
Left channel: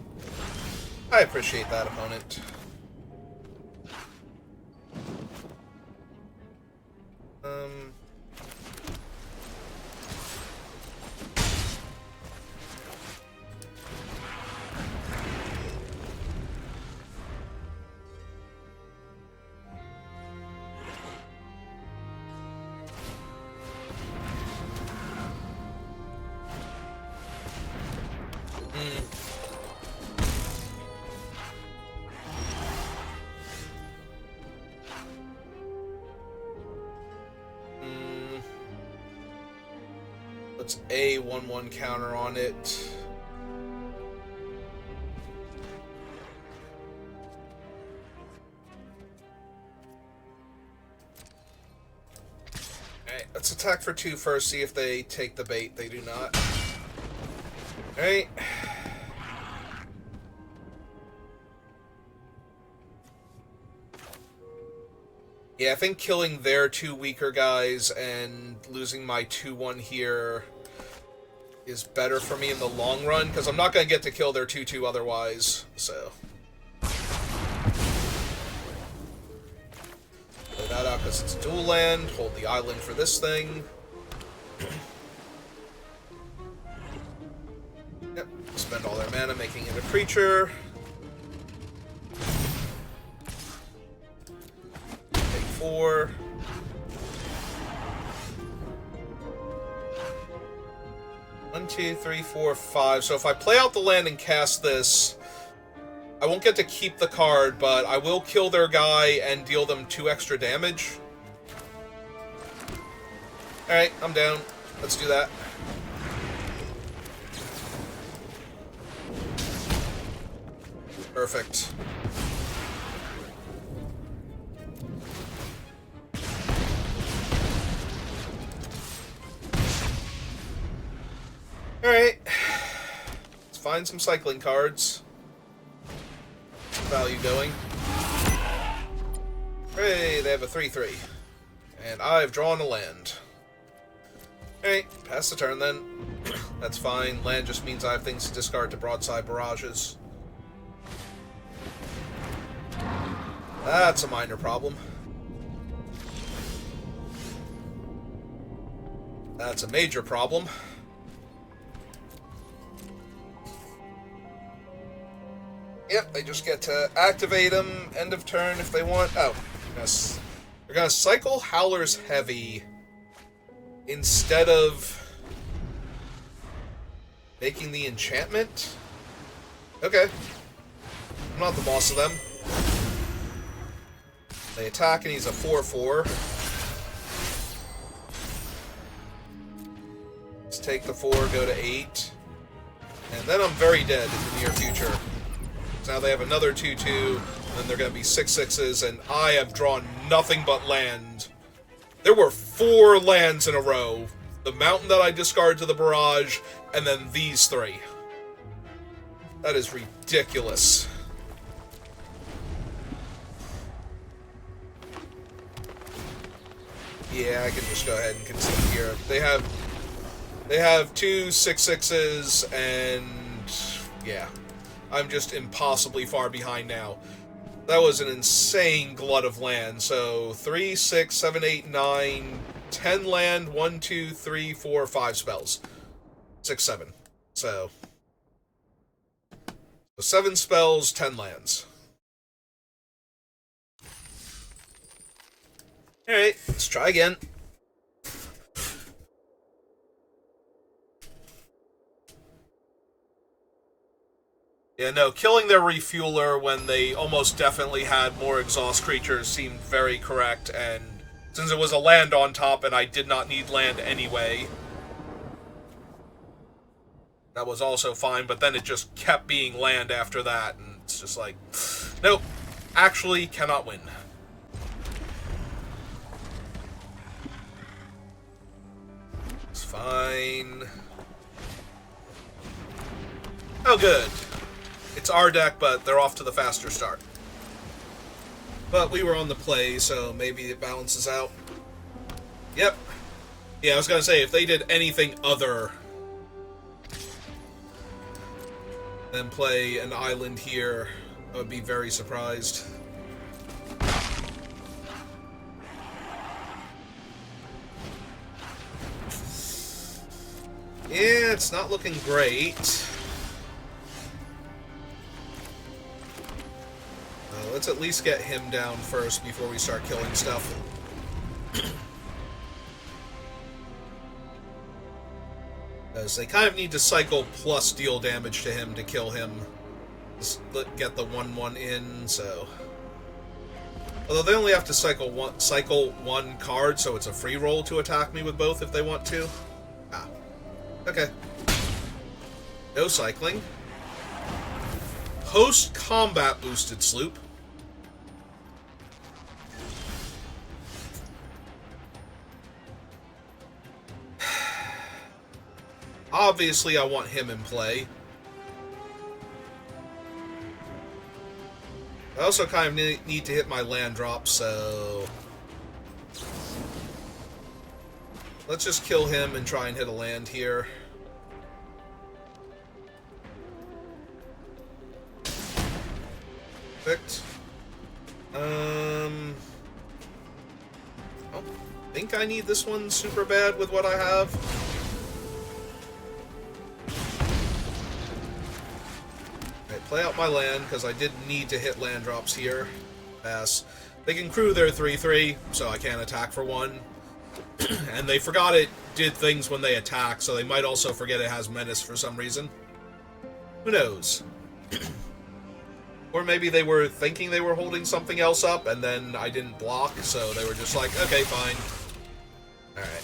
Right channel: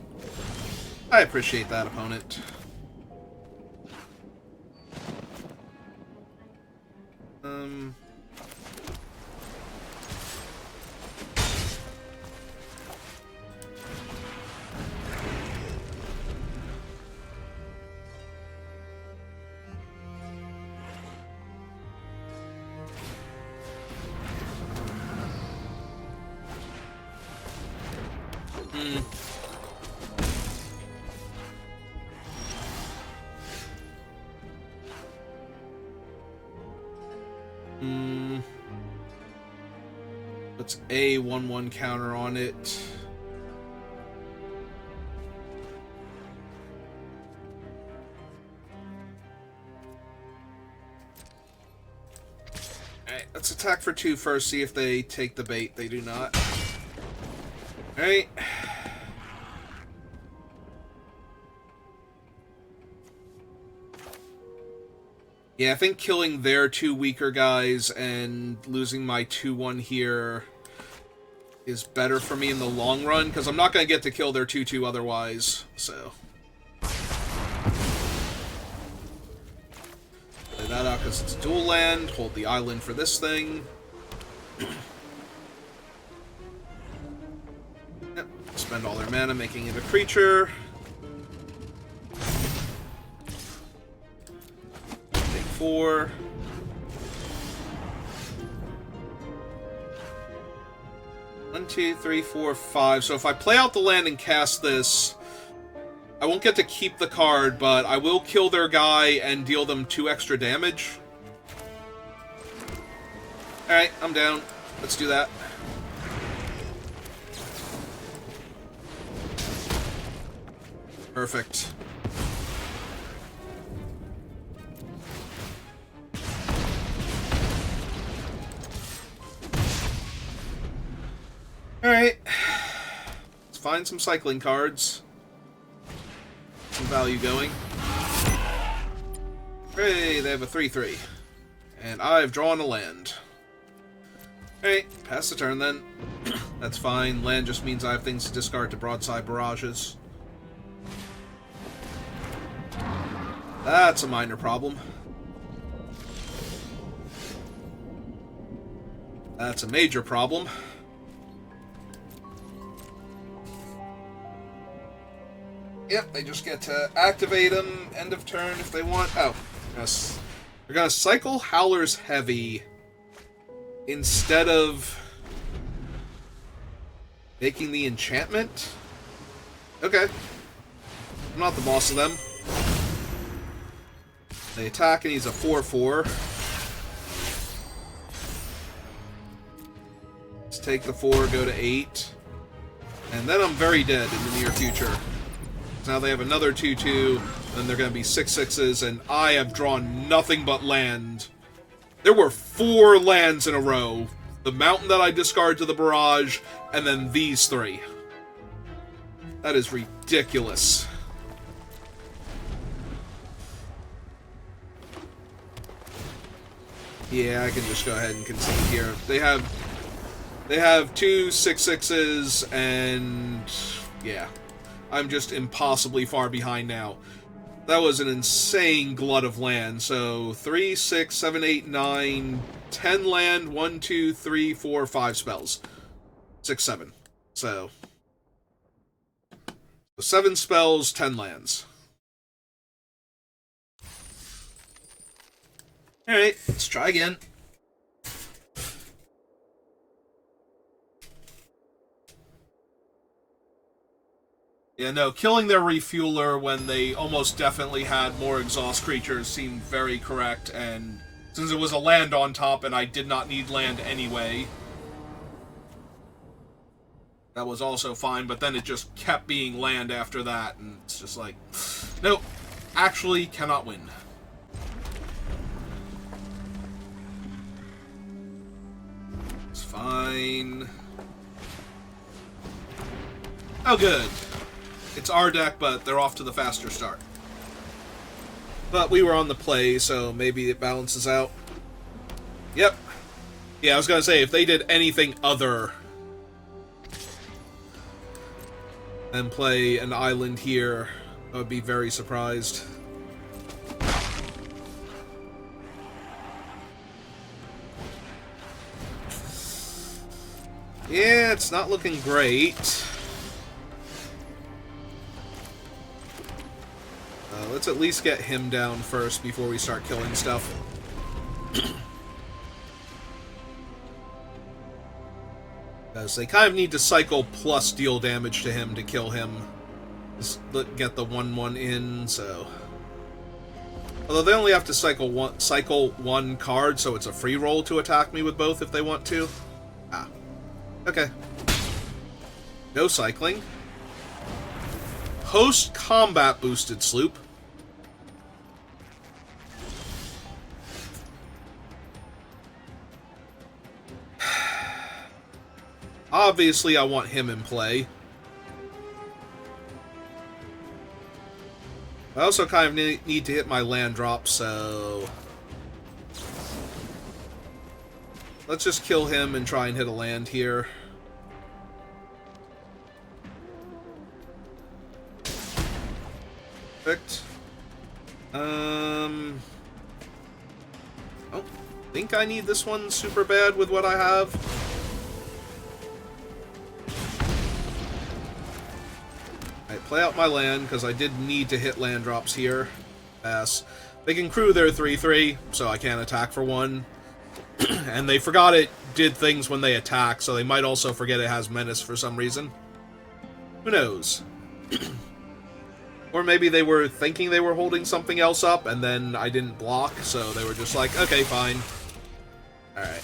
I appreciate that, opponent. Puts a 1/1 counter on it. Alright, let's attack for 2 first, see if they take the bait. They do not. Alright. Yeah, I think killing their 2 weaker guys and losing my 2/1 here is better for me in the long run, because I'm not going to get to kill their 2/2 otherwise, so. Play that out because it's dual land. Hold the island for this thing. Yep, spend all their mana making it a creature. 4. One, 2, 3, 4, 5. So if I play out the land and cast this, I won't get to keep the card, but I will kill their guy and deal them 2 extra damage. Alright, I'm down. Let's do that. Perfect. Alright. Let's find some cycling cards. Some value going. Hooray, they have a 3/3. And I've drawn a land. Alright, pass the turn then. That's fine. Land just means I have things to discard to broadside barrages. That's a minor problem. That's a major problem. Yep, they just get to activate them end of turn if they want. Oh, they're gonna cycle Howler's Heavy instead of making the enchantment. Okay, I'm not the boss of them. They attack and he's a 4/4. take the 4, go to 8. And then I'm very dead in the near future. Now they have another 2-2, and they're going to be 6-6s, and I have drawn nothing but land. There were 4 lands in a row. The mountain that I discard to the barrage, and then these 3. That is ridiculous. Yeah, I can just go ahead and concede here. They have 2 6-6s, and yeah, I'm just impossibly far behind now. That was an insane glut of land. So 3, 6, 7, 8, 9, 10 land, 1, 2, 3, 4, 5 spells. 6, 7. So 7 spells, 10 lands. Alright, let's try again. Yeah, no, killing their refueler when they almost definitely had more exhaust creatures seemed very correct, and since it was a land on top and I did not need land anyway, that was also fine, but then it just kept being land after that, and it's just like, nope, actually cannot win. It's fine. Oh, good. It's our deck, but they're off to the faster start. But we were on the play, so maybe it balances out. Yep. Yeah, I was going to say, if they did anything other than play an island here, I would be very surprised. Yeah, it's not looking great. Let's at least get him down first before we start killing stuff. So they kind of need to cycle plus deal damage to him to kill him. Just get the 1/1 in, so... Although they only have to cycle one card, so it's a free roll to attack me with both if they want to. Ah. Okay. No cycling. Post-combat boosted sloop. Obviously, I want him in play. I also kind of need to hit my land drop, so... Let's just kill him and try and hit a land here. Perfect. I don't think I need this one super bad with what I have. Play out my land, because I did need to hit land drops here. Pass. They can crew their 3/3, so I can't attack for 1. And they forgot it did things when they attack, so they might also forget it has menace for some reason. Who knows? Or maybe they were thinking they were holding something else up, and then I didn't block, so they were just like, okay, fine. Alright.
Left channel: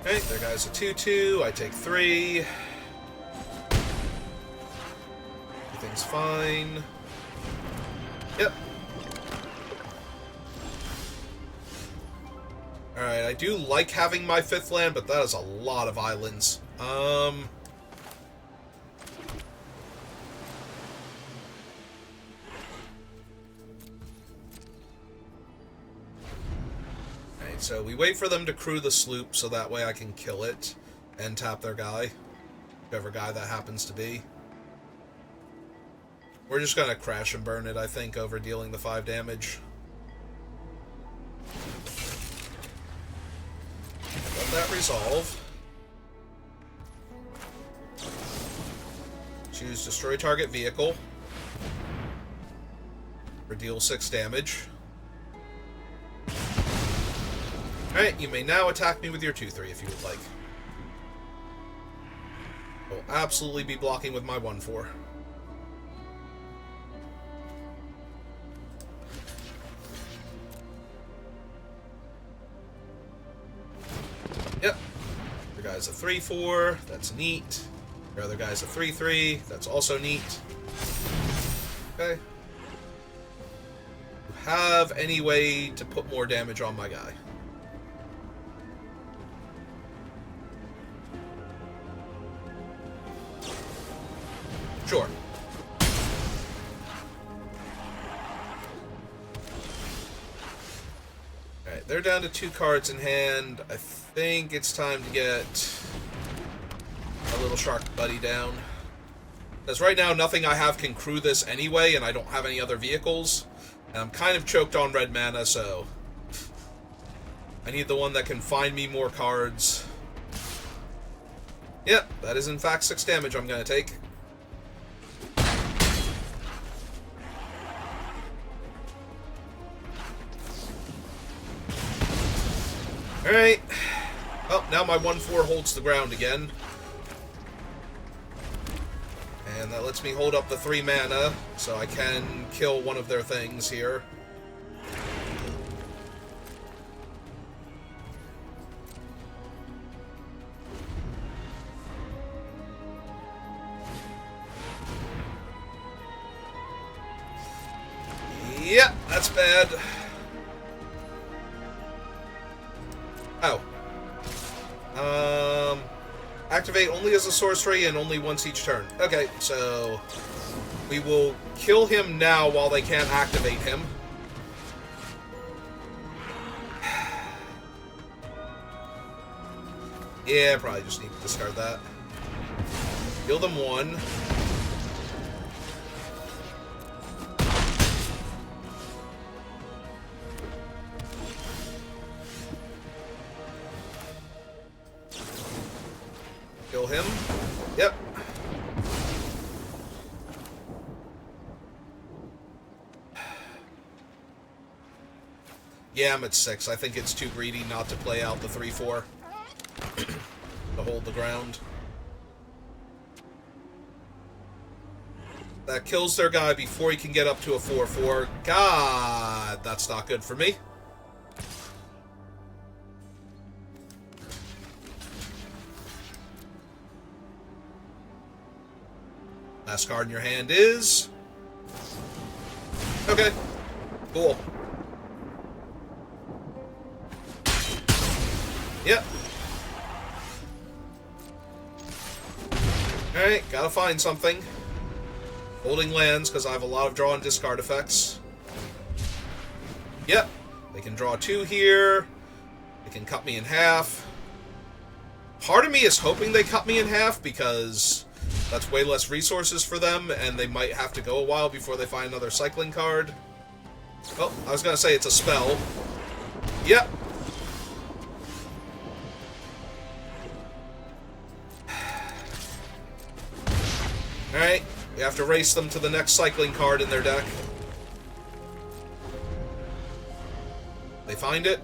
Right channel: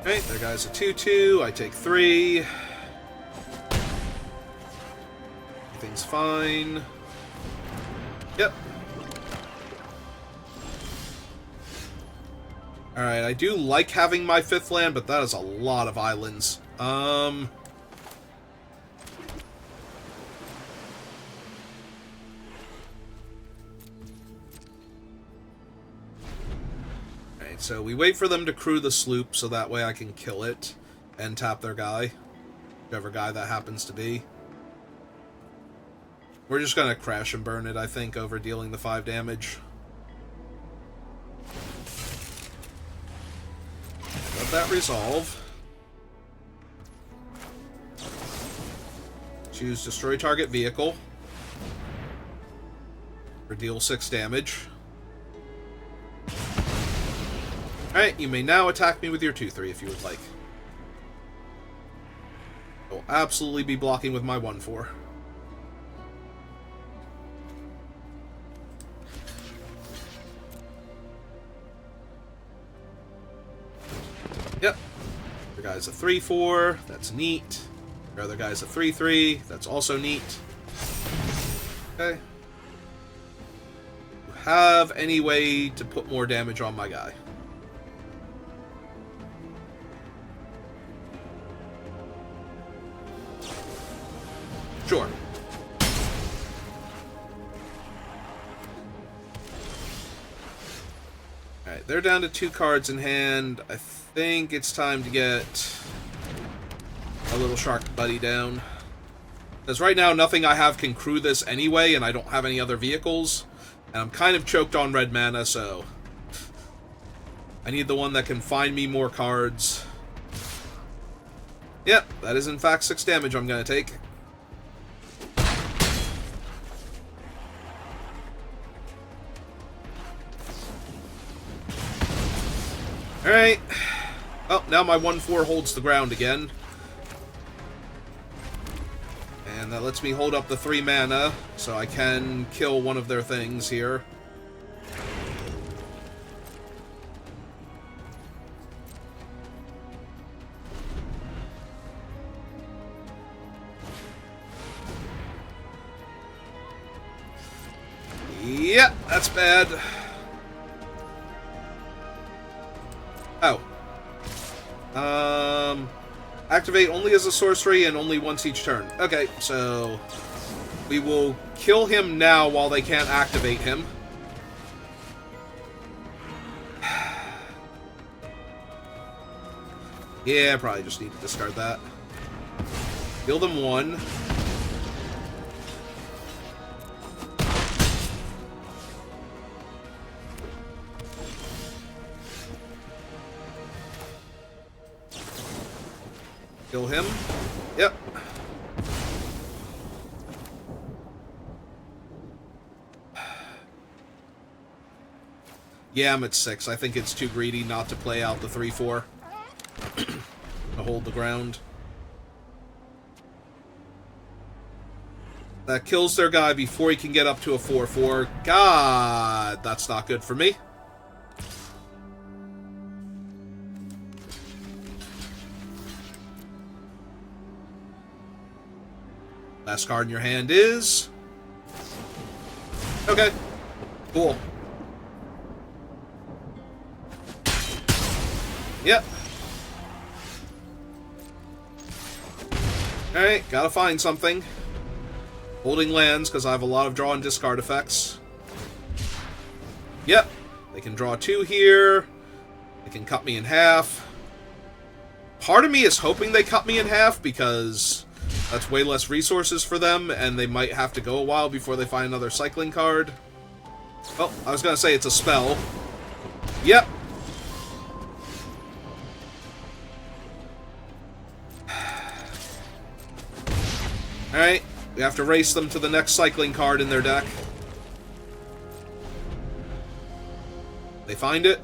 Okay, there goes a 2/2. I take 3. Everything's fine. Yep. Alright, I do like having my 5th land, but that is a lot of islands. Alright, so we wait for them to crew the sloop so that way I can kill it and tap their guy. Whichever guy that happens to be. We're just gonna crash and burn it, I think, over dealing the 5 damage. Let that resolve. Choose destroy target vehicle. Or deal 6 damage. Alright, you may now attack me with your 2/3 if you would like. I will absolutely be blocking with my 1/4. guy's a 3/4. That's neat. Your other guy's a 3/3. That's also neat. Okay. Have any way to put more damage on my guy? Sure. Alright, they're down to 2 cards in hand. I think it's time to get a little shark buddy down. Because right now, nothing I have can crew this anyway, and I don't have any other vehicles. And I'm kind of choked on red mana, so I need the one that can find me more cards. Yep, that is in fact 6 damage I'm going to take. Alright. Oh, now my 1/4 holds the ground again. And that lets me hold up the 3 mana, so I can kill one of their things here. Yep, that's bad. Oh. Activate only as a sorcery and only once each turn. Okay, so we will kill him now while they can't activate him. Yeah, probably just need to discard that. Heal them 1. Kill him. Yep. Yeah, I'm at 6. I think it's too greedy not to play out the 3/4 to hold the ground. That kills their guy before he can get up to a 4/4. God, that's not good for me. Last card in your hand is... Okay. Cool. Yep. Alright, gotta find something. Holding lands, because I have a lot of draw and discard effects. Yep. They can draw 2 here. They can cut me in half. Part of me is hoping they cut me in half, because that's way less resources for them, and they might have to go a while before they find another cycling card. Well, I was going to say it's a spell. Yep. Alright, we have to race them to the next cycling card in their deck. They find it.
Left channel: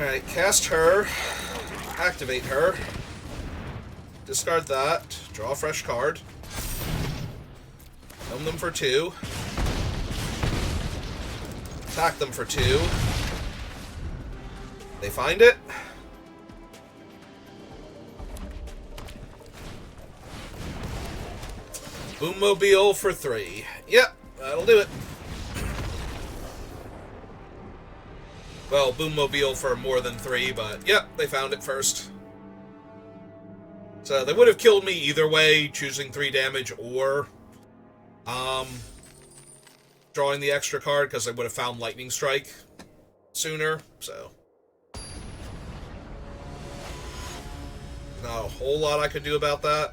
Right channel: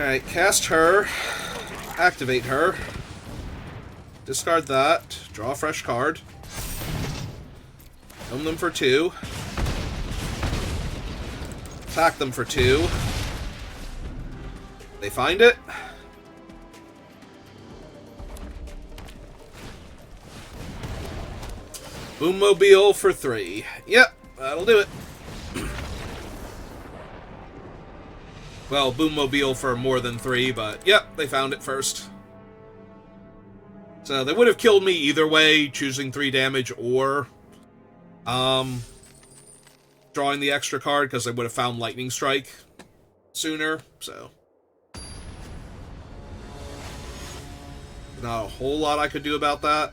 Alright, cast her, activate her, discard that, draw a fresh card, own them for 2, attack them for 2, they find it, Boommobile for 3, yep, that'll do it. Well, Boommobile for more than 3, but yep, they found it first. So they would have killed me either way, choosing 3 damage or drawing the extra card, because they would have found Lightning Strike sooner, so. Not a whole lot I could do about that.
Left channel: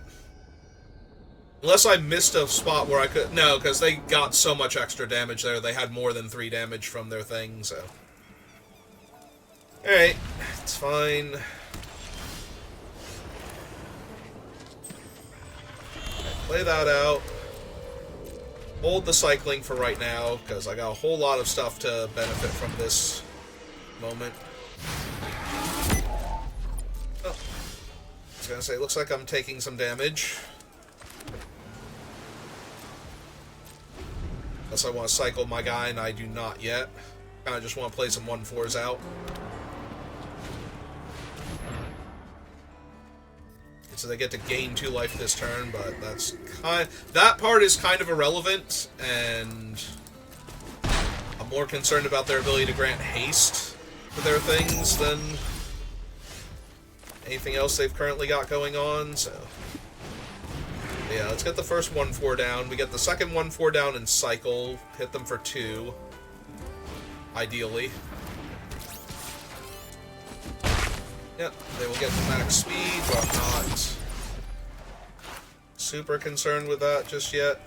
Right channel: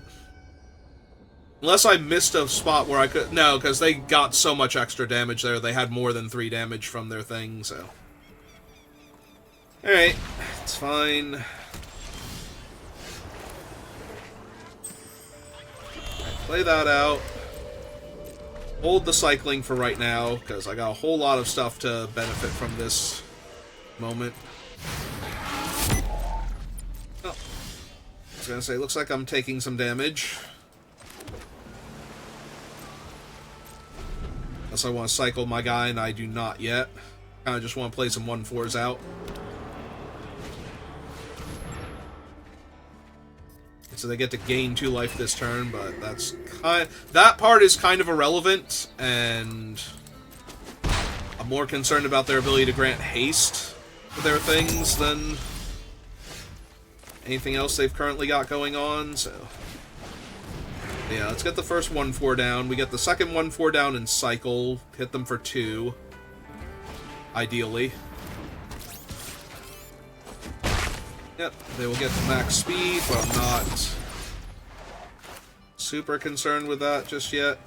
Unless I missed a spot where I could... No, because they got so much extra damage there. They had more than 3 damage from their thing, so... Alright, it's fine. Play that out. Hold the cycling for right now, because I got a whole lot of stuff to benefit from this moment. Oh. I was going to say, looks like I'm taking some damage. Unless I want to cycle my guy, and I do not yet. Kind of just want to play some 1/4s out. So they get to gain 2 life this turn, but that part is kind of irrelevant, and I'm more concerned about their ability to grant haste for their things than anything else they've currently got going on, so... Yeah, let's get the first 1/4 down. We get the second 1/4 down and cycle. Hit them for 2. Ideally. Yep, they will get to max speed, but I'm not super concerned with that just yet.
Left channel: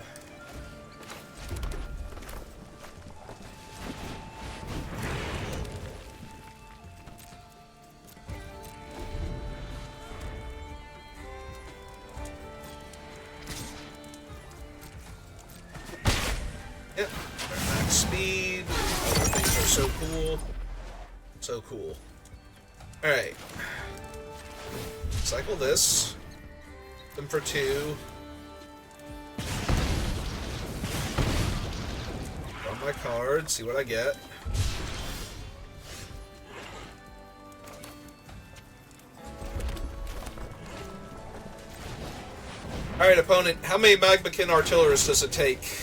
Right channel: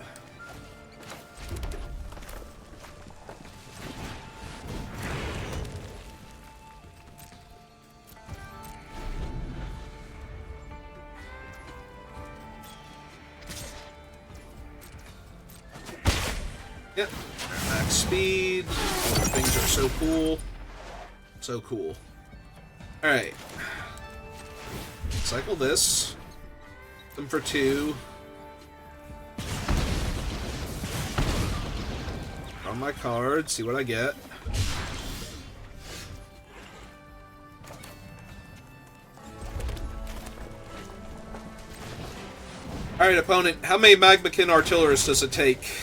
Yep, max speed. Other things are so cool. So cool. Alright. Cycle this. Them for 2. Draw my card, see what I get. Alright, opponent, how many Magmakin Artillerists does it take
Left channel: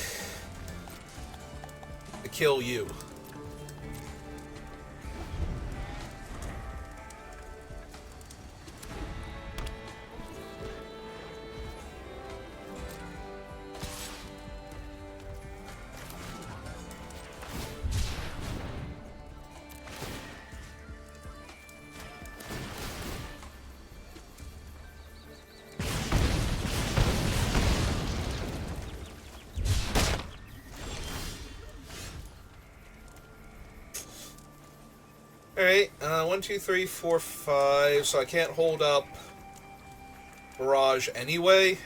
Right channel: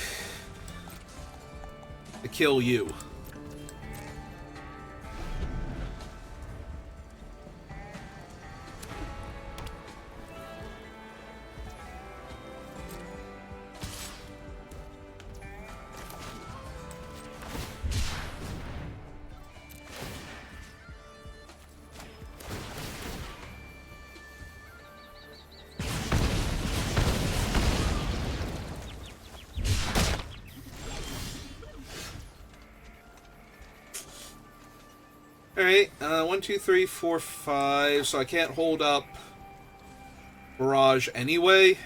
to kill you? Alright, 1, 2, 3, 4, 5, so I can't hold up Barrage anyway.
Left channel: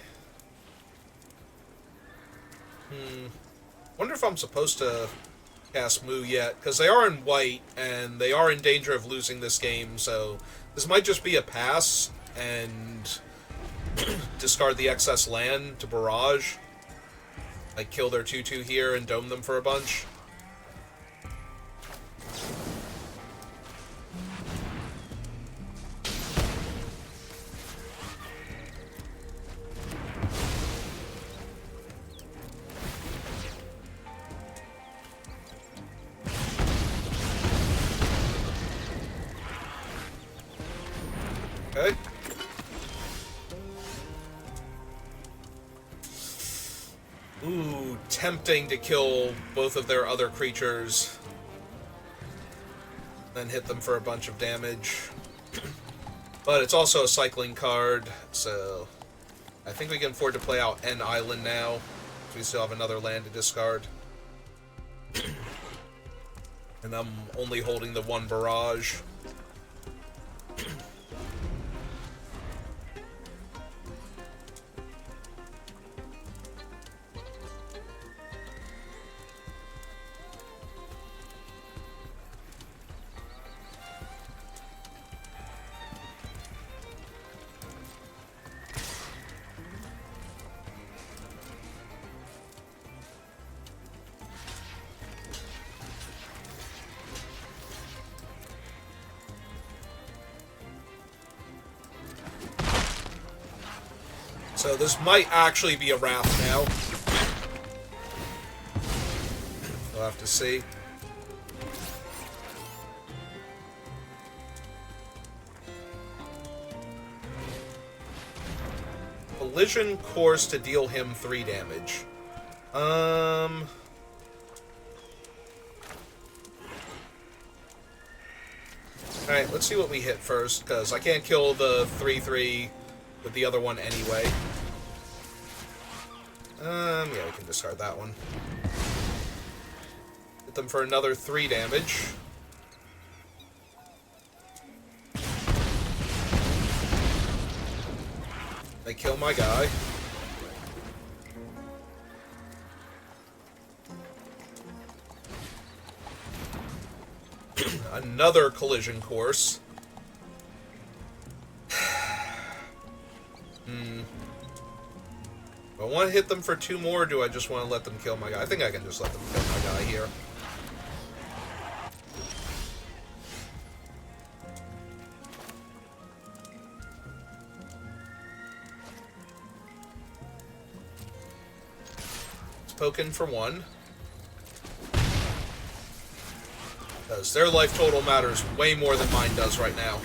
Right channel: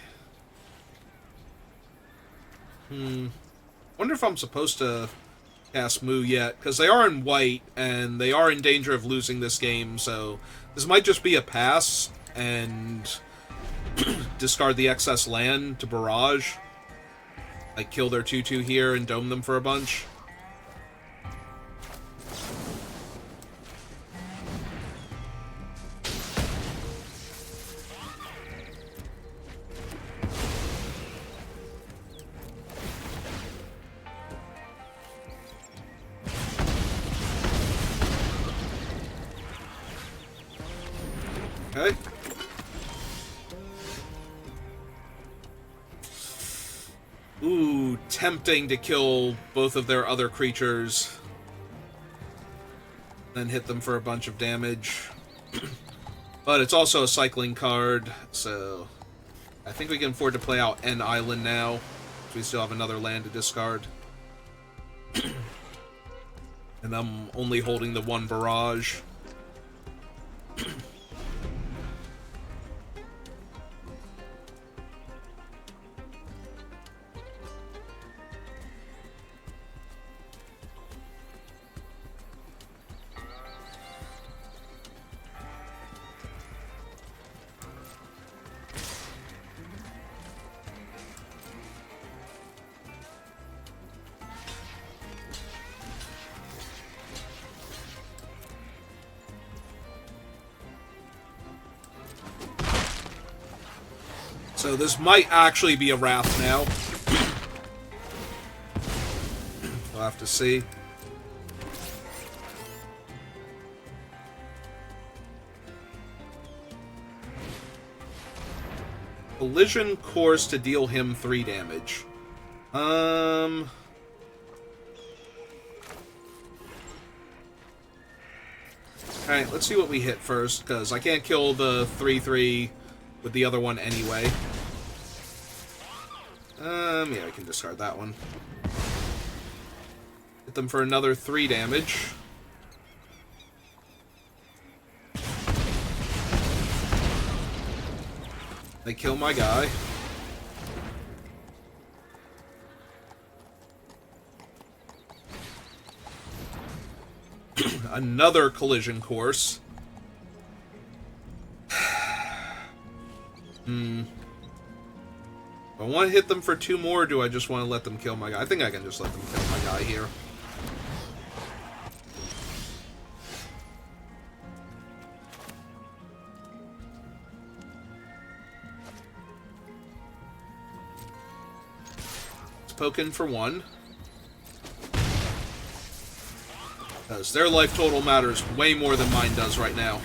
Wonder if I'm supposed to cast Moo yet, because they are in white, and they are in danger of losing this game, so this might just be a pass, and discard the excess land to Barrage. Like, kill their 2/2 here and dome them for a bunch. Okay. Ooh, tempting to kill both of their other creatures. Then hit them for a bunch of damage. But it's also a cycling card, so I think we can afford to play out N Island now. We still have another land to discard. And I'm only holding the 1 Barrage. So this might actually be a Wrath now. We'll have to see. Collision Course to deal him 3 damage. Alright, let's see what we hit first, because I can't kill the 3/3 with the other one anyway. Yeah, I can discard that one. Hit them for another 3 damage. They kill my guy. Another Collision Course. Do I want to hit them for 2 more, or do I just want to let them kill my guy? I think I can just let them kill my guy here. Let's poke in for 1. Because their life total matters way more than mine does right now.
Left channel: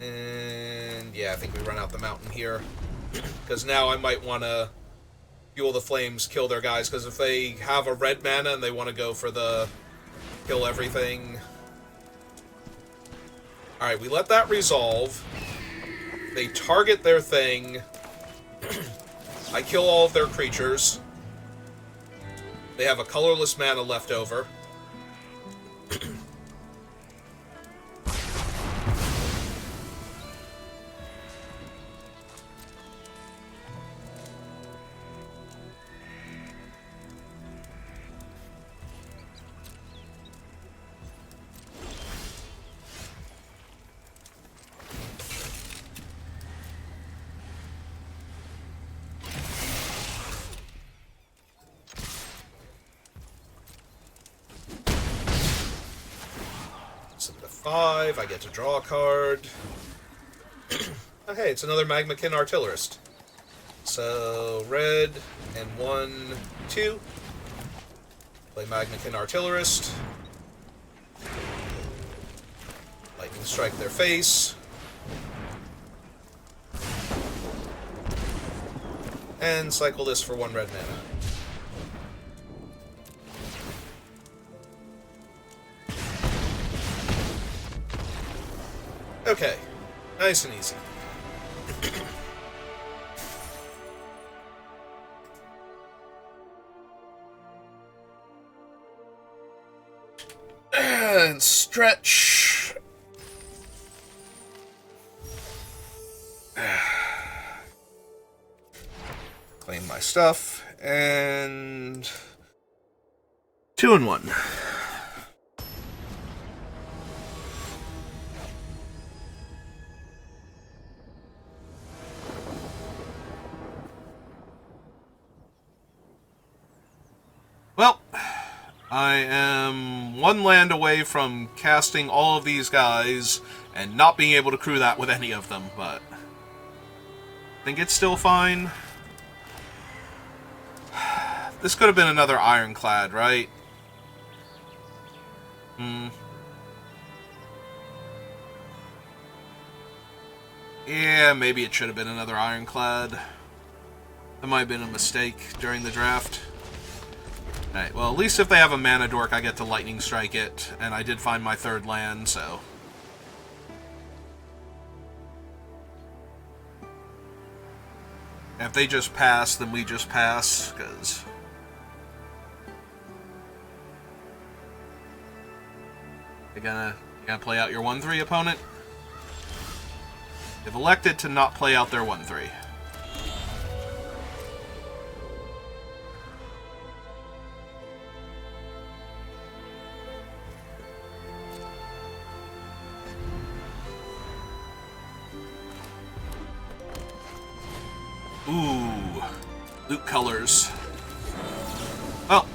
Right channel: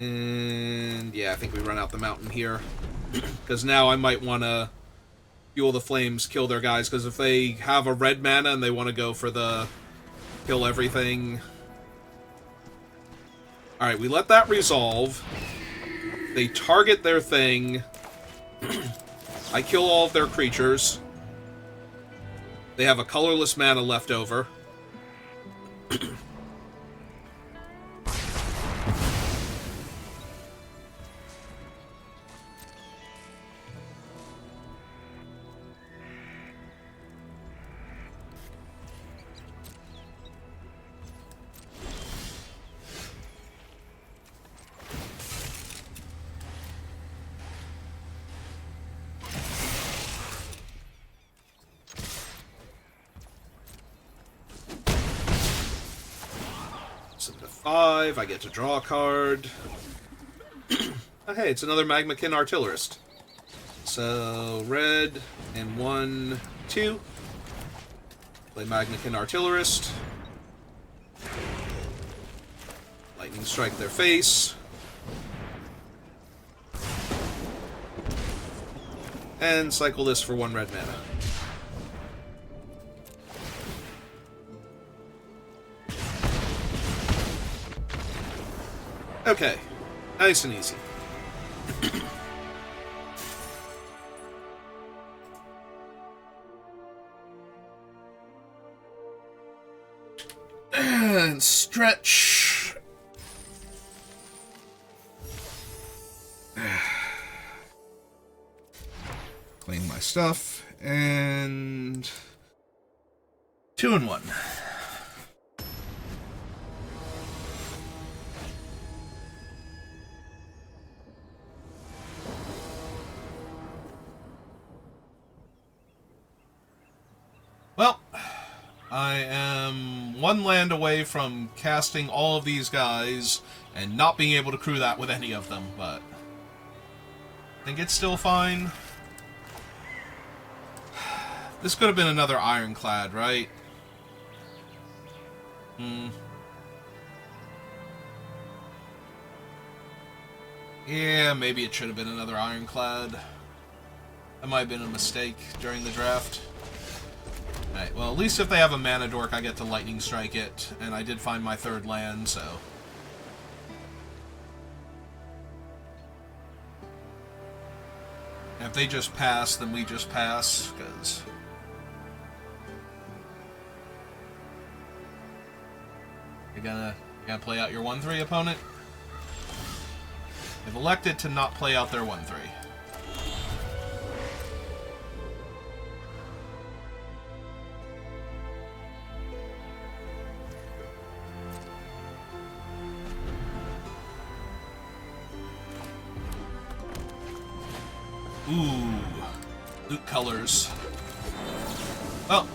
And yeah, I think we run out the mountain here. Because now I might want to fuel the flames, kill their guys. Because if they have a red mana and they want to go for the kill everything... Alright, we let that resolve. They target their thing. I kill all of their creatures. They have a colorless mana left over. I get to draw a card. Oh, hey, it's another Magmakin Artillerist. So, red, and 1, 2. Play Magmakin Artillerist. Lightning Strike their face. And cycle this for 1 red mana. Okay, nice and easy. And stretch. Claim my stuff, and 2 and 1. Well, I am 1 land away from casting all of these guys and not being able to crew that with any of them, but I think it's still fine. This could have been another Ironclad, right? Yeah, maybe it should have been another Ironclad. That might have been a mistake during the draft. Alright, well, at least if they have a mana dork, I get to lightning strike it, and I did find my 3rd land, so... And if they just pass, then we just pass, because... You gonna play out your 1-3 opponent? They've elected to not play out their 1-3. Ooh, loot colors. Well,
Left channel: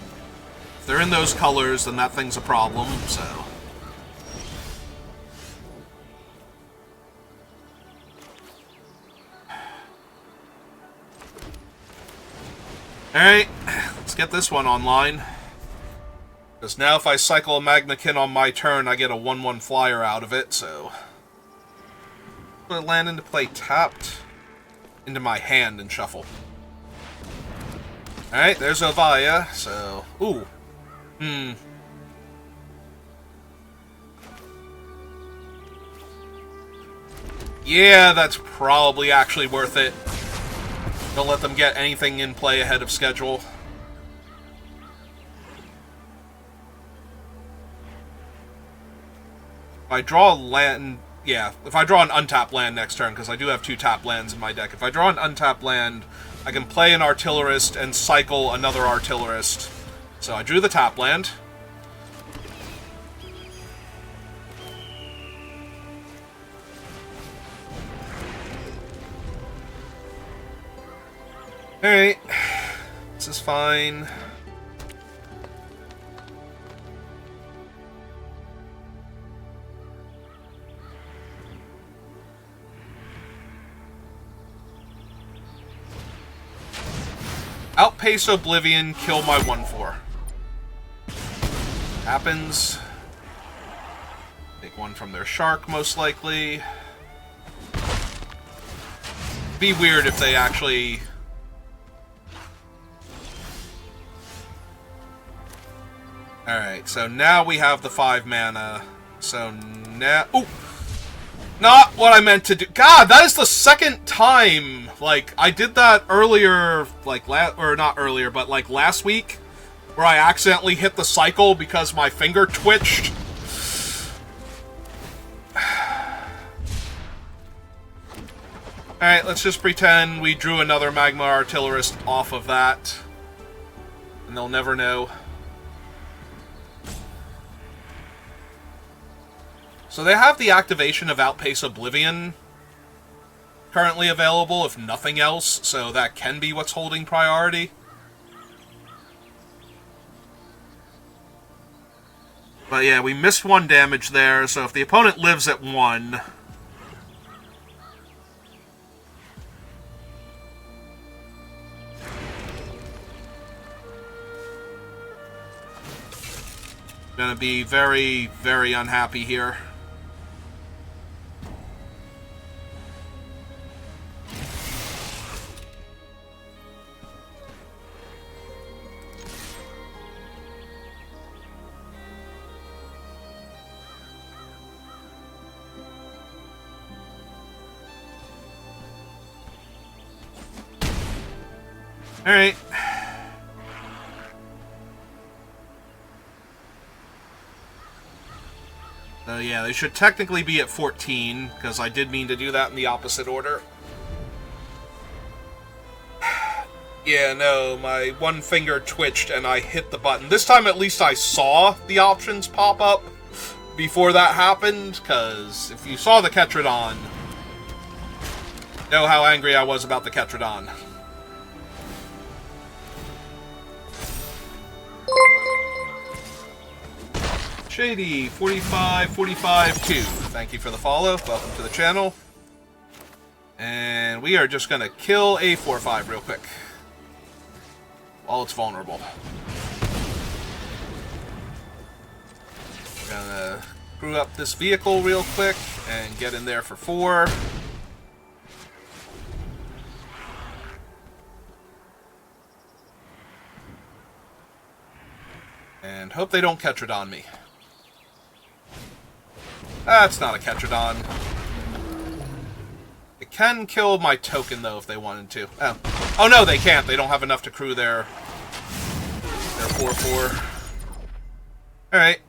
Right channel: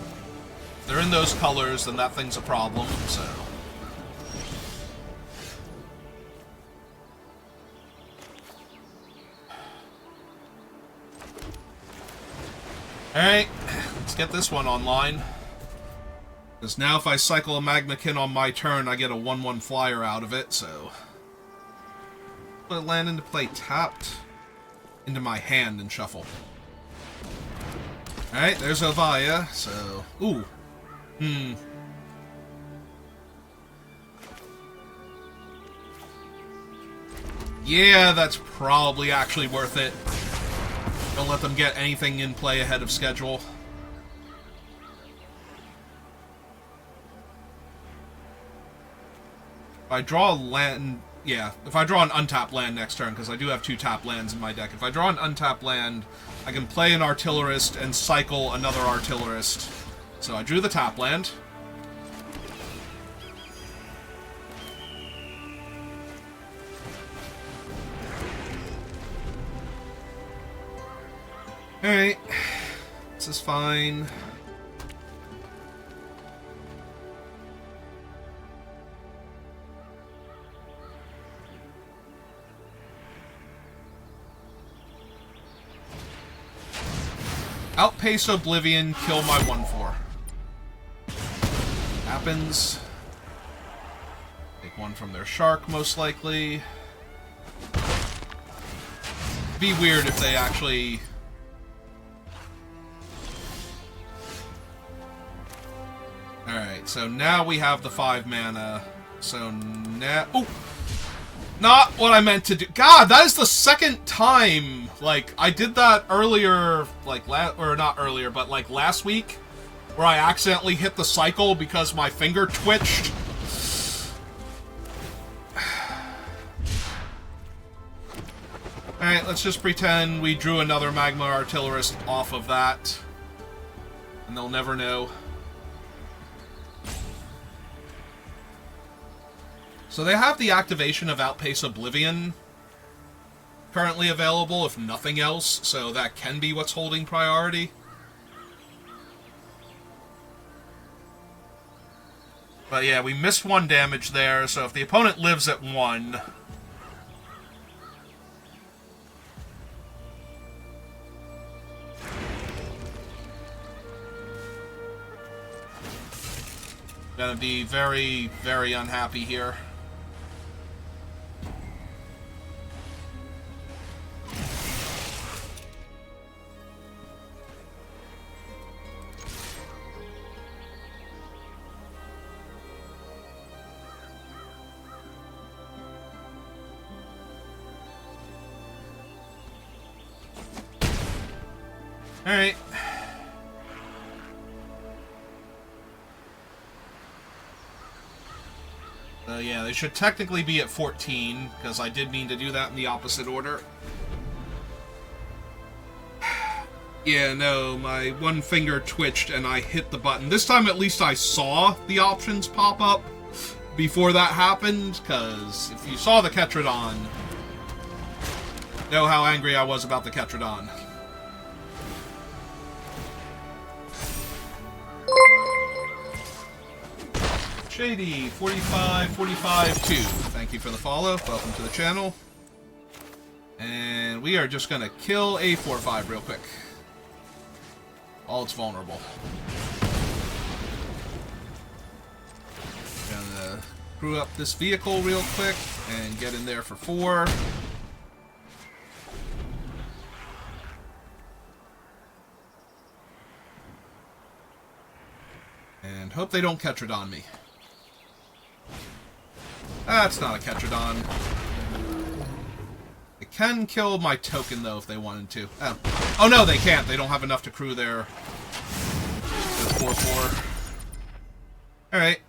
if they're in those colors, then that thing's a problem, so... Alright, let's get this one online. Because now if I cycle a Magmakin on my turn, I get a 1-1 flyer out of it, so... Put a land into play tapped. Into my hand and shuffle. Alright, there's Ovaya, so... Ooh. Yeah, that's probably actually worth it. Don't let them get anything in play ahead of schedule. If I draw a land... Yeah, if I draw an untapped land next turn, because I do have 2 tapped lands in my deck. If I draw an untapped land, I can play an Artillerist and cycle another Artillerist. So I drew the tap land. Alright. This is fine. Outpace Oblivion, kill my 1/4. Happens. Take one from their shark, most likely. Be weird if they actually... Alright, so now we have the 5 mana. So now... Ooh! Not what I meant to do. God, that is the second time. Like, I did that earlier, like, or not earlier, but like last week, where I accidentally hit the cycle because my finger twitched. Alright, let's just pretend we drew another Magma Artillerist off of that. And they'll never know. So they have the activation of Outpace Oblivion currently available, if nothing else, so that can be what's holding priority. But yeah, we missed 1 damage there, so if the opponent lives at 1... gonna be very, very unhappy here. Alright. So yeah, they should technically be at 14, because I did mean to do that in the opposite order. Yeah, no, my one finger twitched and I hit the button. This time at least I saw the options pop up before that happened, because if you saw the Ketradon, know how angry I was about the Ketradon. Shady, 45, 2. Thank you for the follow. Welcome to the channel. And we are just going to kill a 4/5 real quick. While it's vulnerable. Gonna screw up this vehicle real quick and get in there for 4. And hope they don't Ketradon me. That's not a Ketradon. It can kill my token, though, if they wanted to. Oh no, they can't. They don't have enough to crew their 4/4. Alright.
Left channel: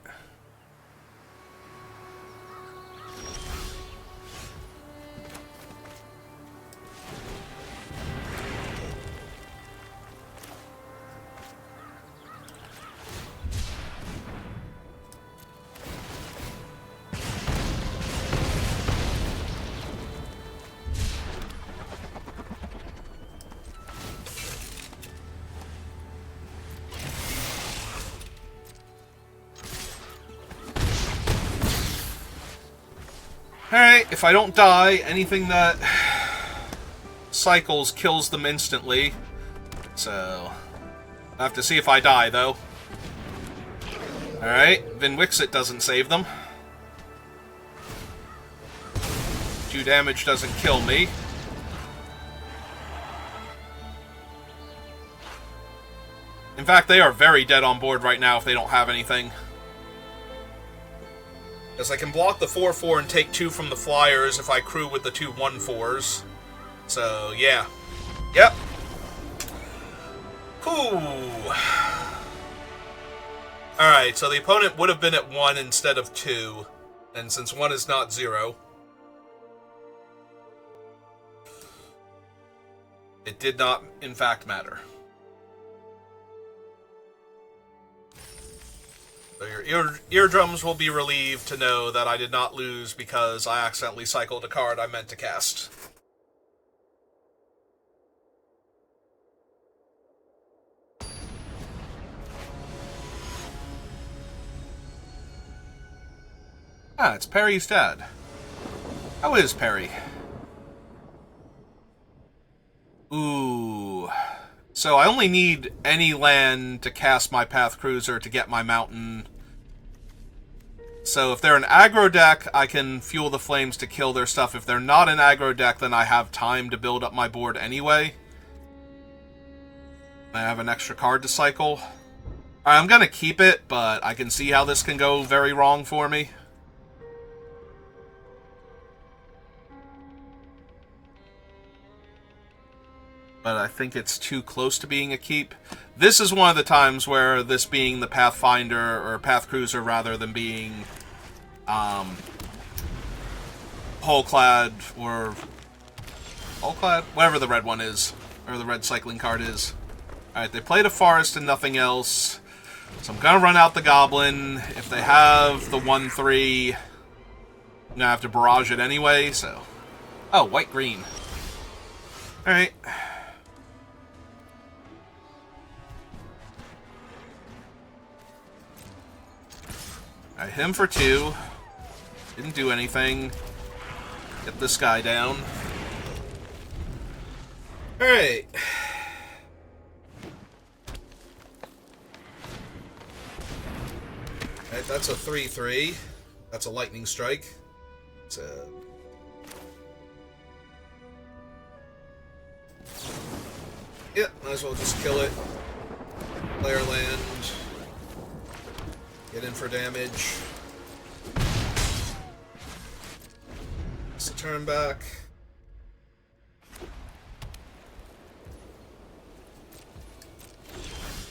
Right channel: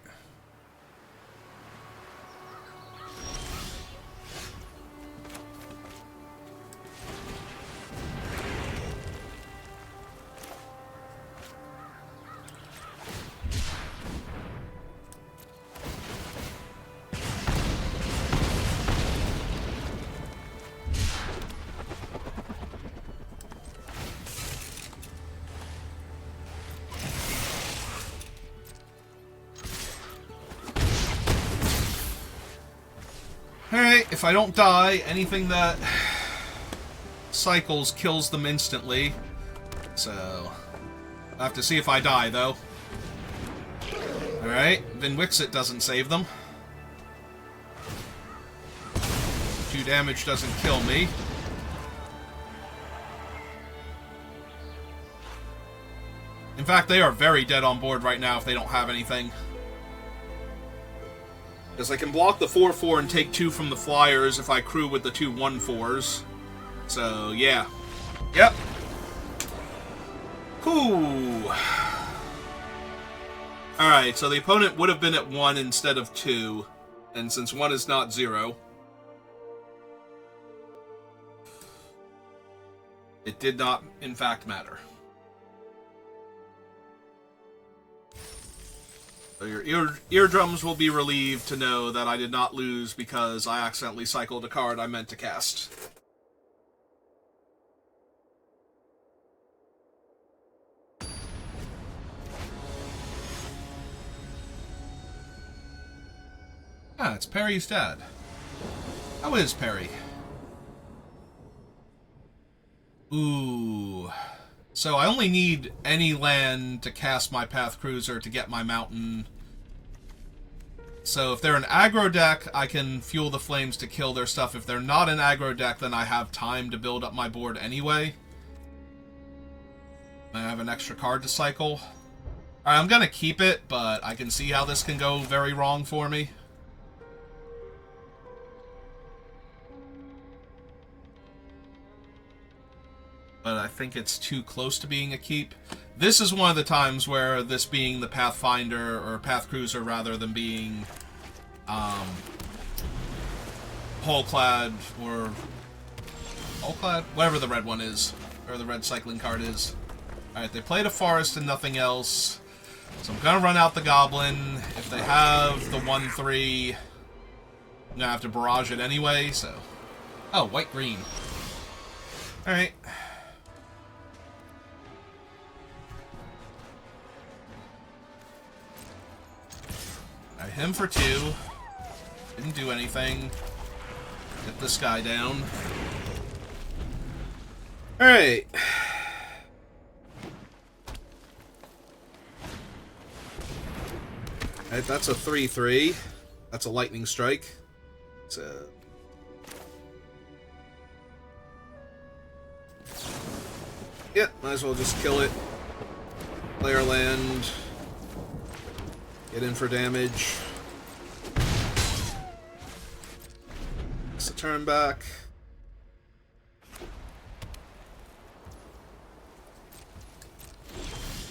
Alright, if I don't die, anything that cycles kills them instantly. So, I have to see if I die, though. Alright, Vinwixit doesn't save them. 2 damage doesn't kill me. In fact, they are very dead on board right now if they don't have anything. Because I can block the 4/4 and take 2 from the flyers if I crew with the 2 1/4s. So, yeah. Yep. Cool. Alright, so the opponent would have been at 1 instead of 2. And since 1 is not 0, it did not, in fact, matter. So your eardrums will be relieved to know that I did not lose because I accidentally cycled a card I meant to cast. Ah, it's Perry's dad. How is Perry? Ooh. So I only need any land to cast my Path Cruiser to get my mountain. So if they're an aggro deck, I can fuel the flames to kill their stuff. If they're not an aggro deck, then I have time to build up my board anyway. I have an extra card to cycle. Alright, I'm gonna keep it, but I can see how this can go very wrong for me. But I think it's too close to being a keep. This is one of the times where this being the Pathfinder, or Path Cruiser rather than being Hullclad, or Hullclad? Whatever the red one is, or the red cycling card is. Alright, they played a forest and nothing else. So I'm gonna run out the goblin. If they have the 1-3, I'm gonna have to barrage it anyway, so... Oh, white-green. Alright. I hit him for 2. Didn't do anything. Get this guy down. Alright. Alright, that's a 3-3. That's a lightning strike. It's a... Yeah, might as well just kill it. Player land. Get in for damage. Let's turn back.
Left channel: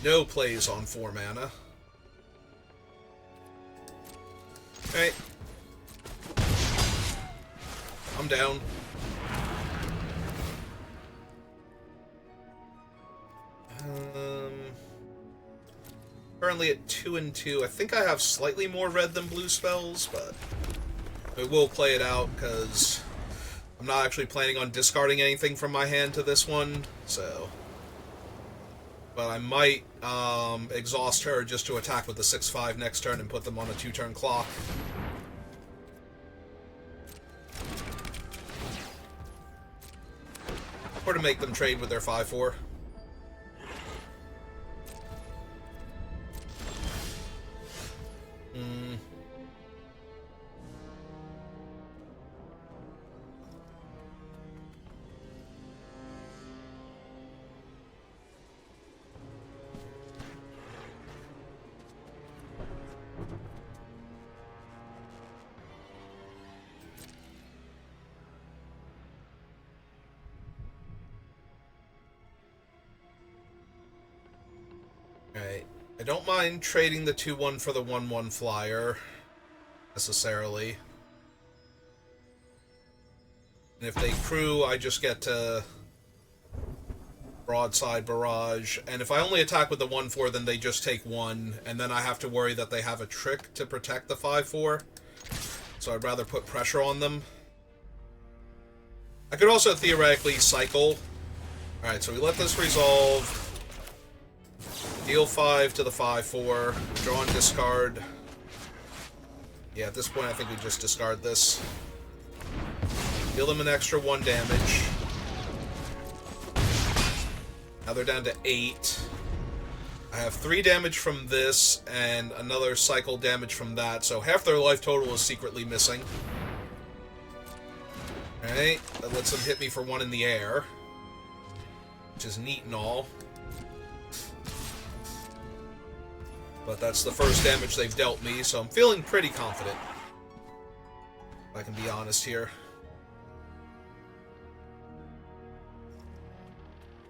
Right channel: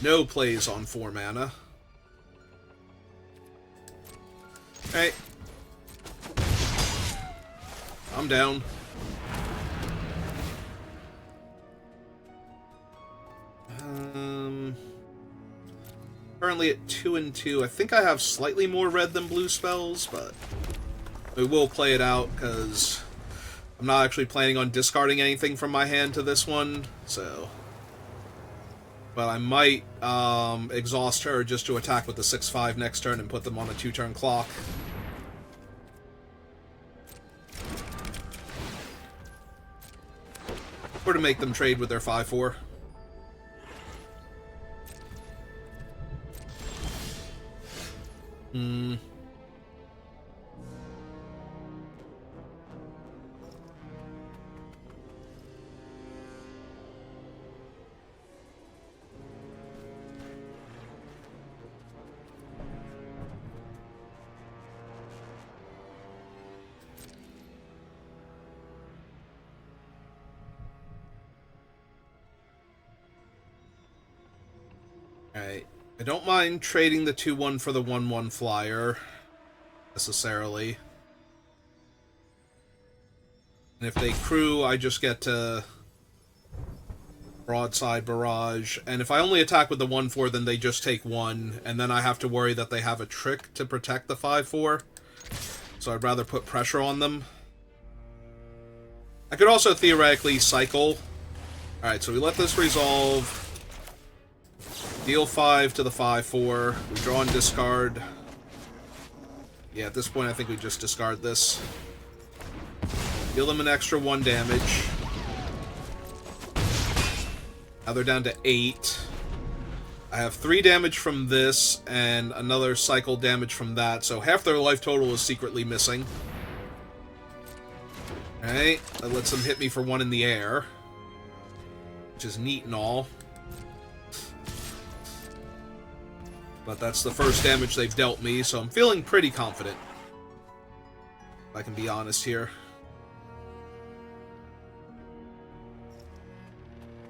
No plays on 4 mana. Okay. I'm down. Currently at 2 and 2. I think I have slightly more red than blue spells, but we will play it out because I'm not actually planning on discarding anything from my hand to this one, so... But I might exhaust her just to attack with the 6-5 next turn and put them on a 2-turn clock. Or to make them trade with their 5-4. Alright. I don't mind trading the 2-1 for the 1-1 flyer, necessarily. And if they crew, I just get to broadside barrage. And if I only attack with the 1-4, then they just take 1, and then I have to worry that they have a trick to protect the 5-4. So I'd rather put pressure on them. I could also theoretically cycle. Alright, so we let this resolve. Deal 5 to the 5-4. Draw and discard. Yeah, at this point I think we just discard this. Deal them an extra 1 damage. Now they're down to 8. I have 3 damage from this, and another cycle damage from that, so half their life total is secretly missing. Alright, that lets them hit me for 1 in the air. Which is neat and all. But that's the first damage they've dealt me, so I'm feeling pretty confident. If I can be honest here.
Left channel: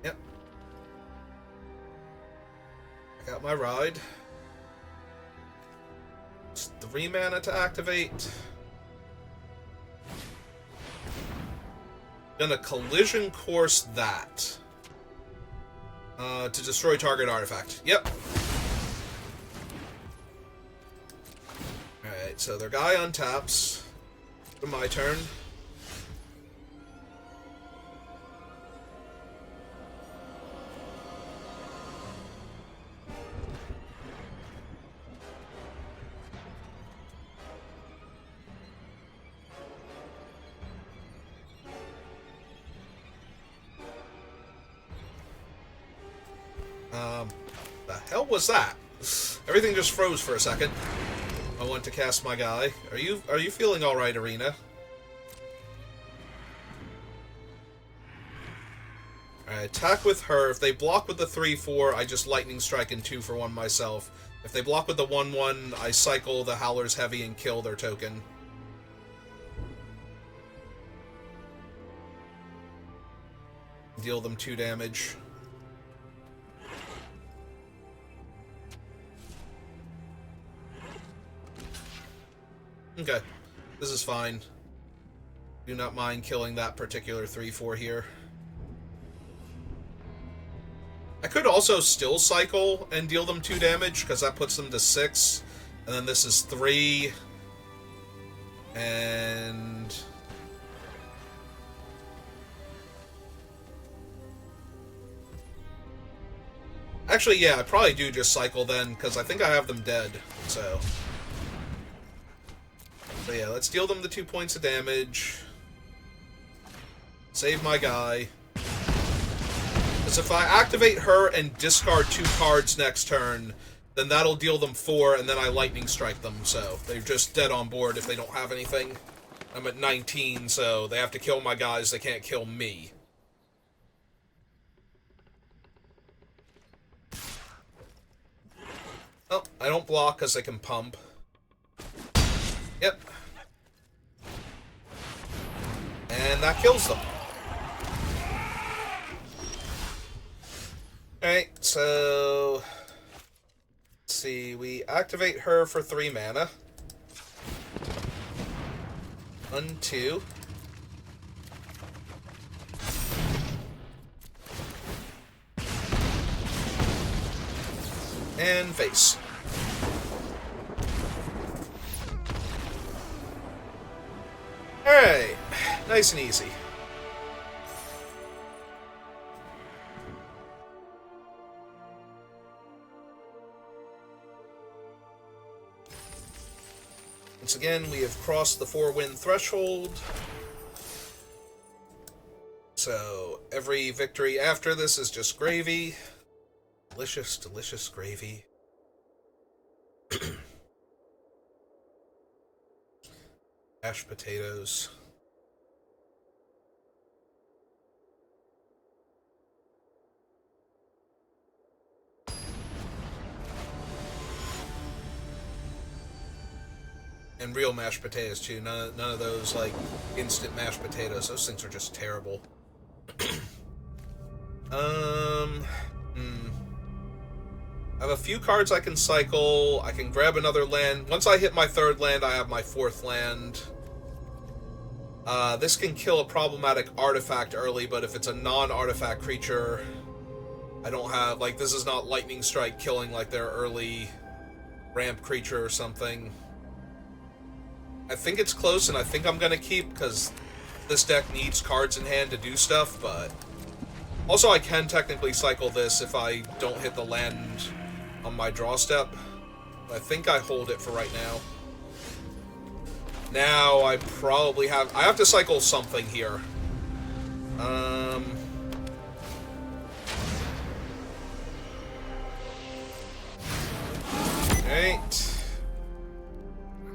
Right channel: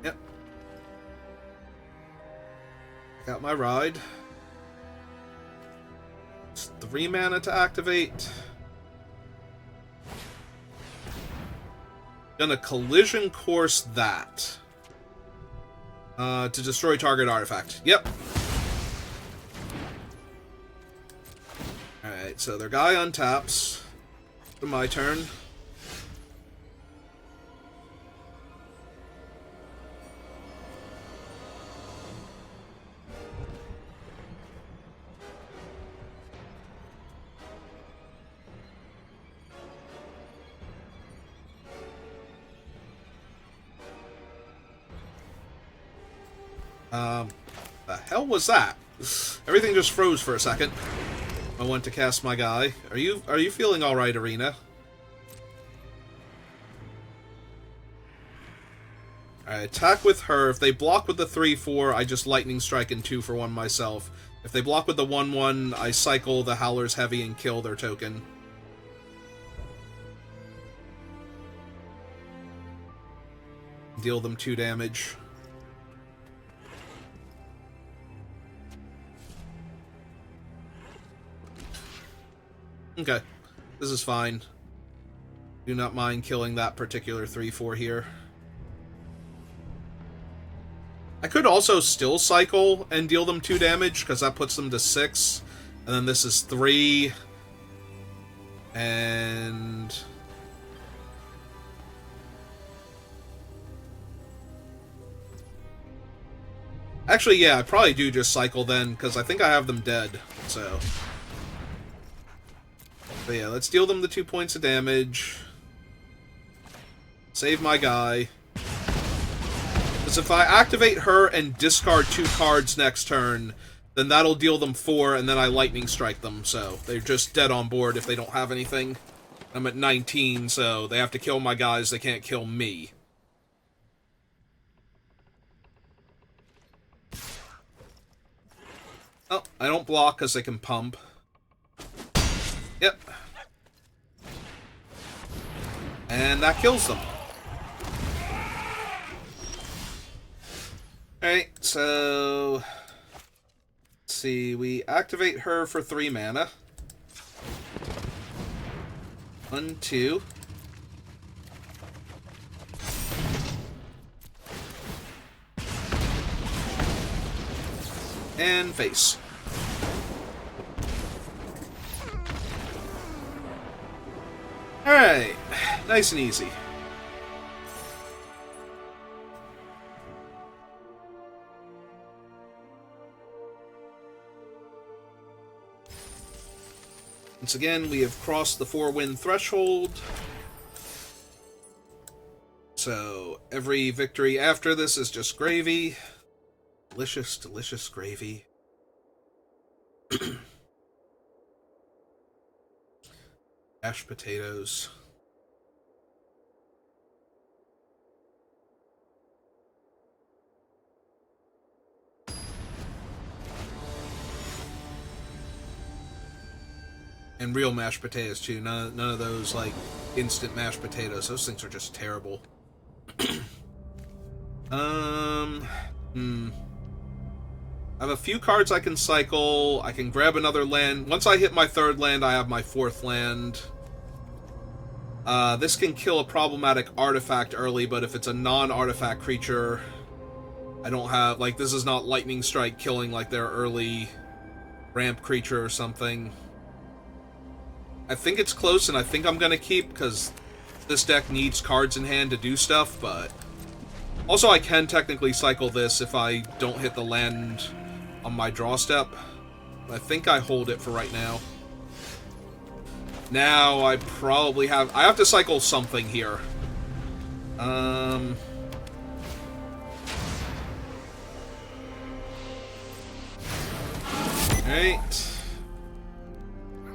Yep. I got my ride. It's 3 mana to activate. Gonna collision course that. To destroy target artifact. Yep. Alright, so their guy untaps. My turn. The hell was that? Everything just froze for a second. I went to cast my guy. Are you feeling all right, Arena? Alright, attack with her. If they block with the 3/4, I just lightning strike and 2 for 1 myself. If they block with the 1/1, I cycle the Howler's Heavy and kill their token. Deal them 2 damage. Okay, this is fine. Do not mind killing that particular 3/4 here. I could also still cycle and deal them 2 damage, because that puts them to 6. And then this is 3. And... actually, yeah, I probably do just cycle then, because I think I have them dead, so... but yeah, let's deal them the 2 points of damage. Save my guy. Because if I activate her and discard 2 cards next turn, then that'll deal them 4, and then I lightning strike them, so they're just dead on board if they don't have anything. I'm at 19, so they have to kill my guys, they can't kill me. Oh, I don't block because they can pump. Yep. And that kills them. Alright, so... let's see, we activate her for 3 mana. 1, 2. And face. Alright, nice and easy. Once again, we have crossed the 4-win threshold. So, every victory after this is just gravy. Delicious, delicious gravy. Mashed potatoes. And real mashed potatoes, too. None of those, like, instant mashed potatoes. Those things are just terrible. I have a few cards I can cycle. I can grab another land. Once I hit my 3rd land, I have my 4th land. This can kill a problematic artifact early, but if it's a non-artifact creature, I don't have... like, this is not Lightning Strike killing, like, their early ramp creature or something. I think it's close, and I think I'm going to keep, because this deck needs cards in hand to do stuff, but... also, I can technically cycle this if I don't hit the land on my draw step. I think I hold it for right now. Now, I probably have... I have to cycle something here. Alright.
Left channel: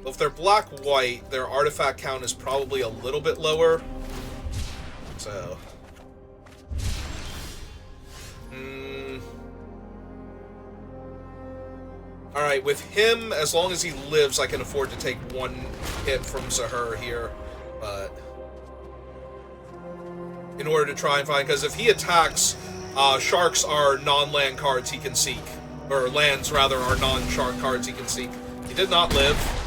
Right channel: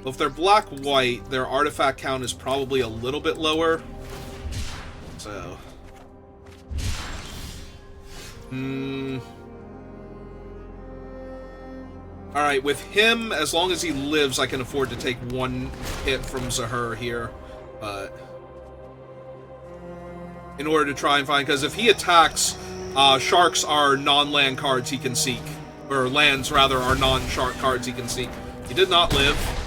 Well, if they're black-white, their artifact count is probably a little bit lower. So... alright, with him, as long as he lives, I can afford to take 1 hit from Zahur here, but... in order to try and find... because if he attacks, sharks are non-land cards he can seek. Or lands, rather, are non-shark cards he can seek. He did not live.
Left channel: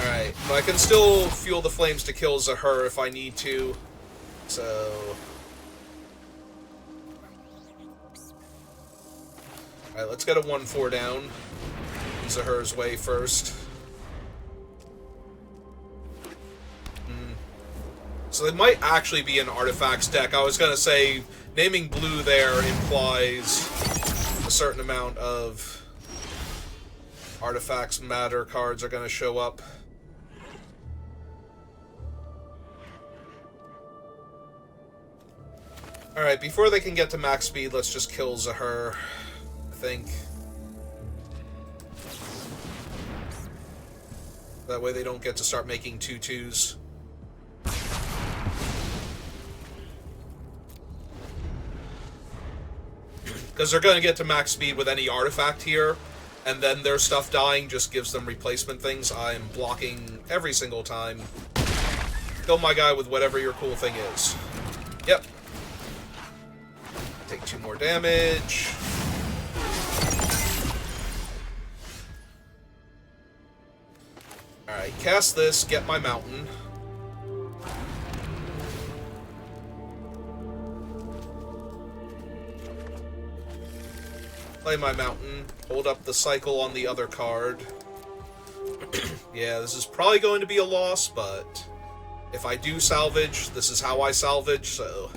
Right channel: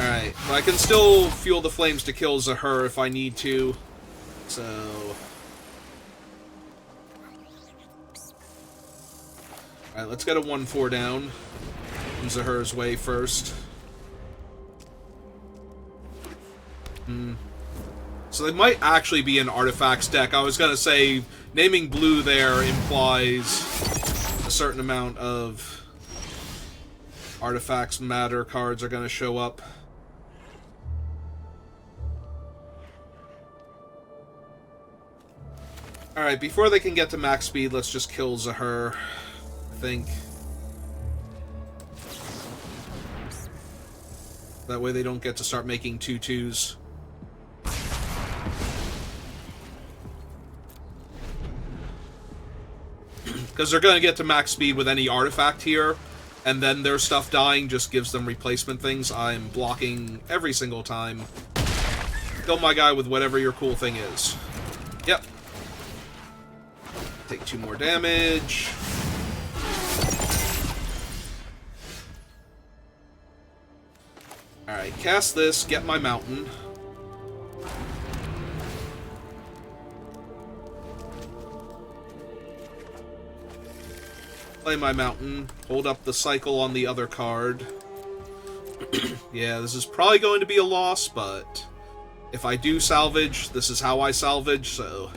Alright, but I can still fuel the flames to kill Zahur if I need to. So... alright, let's get a 1/4 down. Zahur's way first. So they might actually be an artifacts deck. I was gonna say, naming blue there implies a certain amount of artifacts matter cards are gonna show up. Alright, before they can get to max speed, let's just kill Zahur, I think. That way they don't get to start making 2/2s. Because they're going to get to max speed with any artifact here, and then their stuff dying just gives them replacement things. I'm blocking every single time. Kill my guy with whatever your cool thing is. Yep. Take 2 more damage. Alright, cast this, get my mountain. Play my mountain, hold up the cycle on the other card. Yeah, this is probably going to be a loss, but if I do salvage, this is how I salvage, so...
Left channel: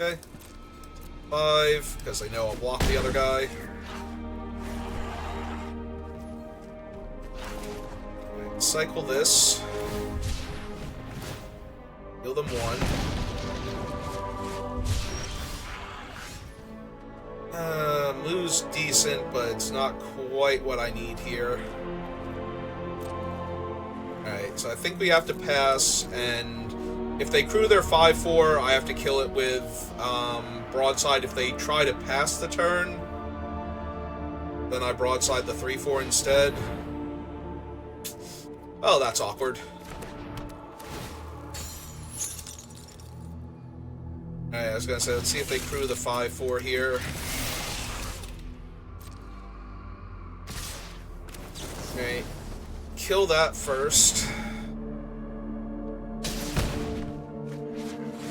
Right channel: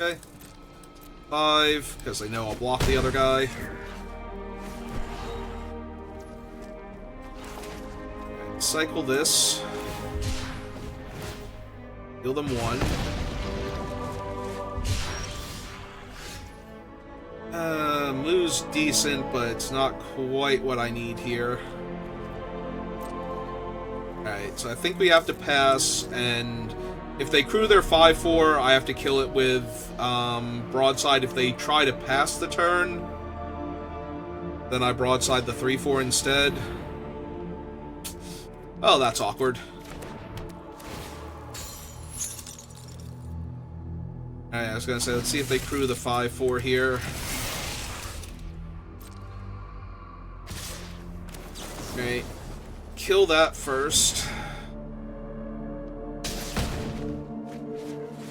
Okay. 5, because I know I'll block the other guy. Right, cycle this. Heal them 1. Moo's decent, but it's not quite what I need here. Alright, so I think we have to pass, and if they crew their 5/4, I have to kill it with broadside. If they try to pass the turn, then I broadside the 3/4 instead. Oh, that's awkward. Alright, I was gonna say, let's see if they crew the 5/4 here. Okay, kill that first.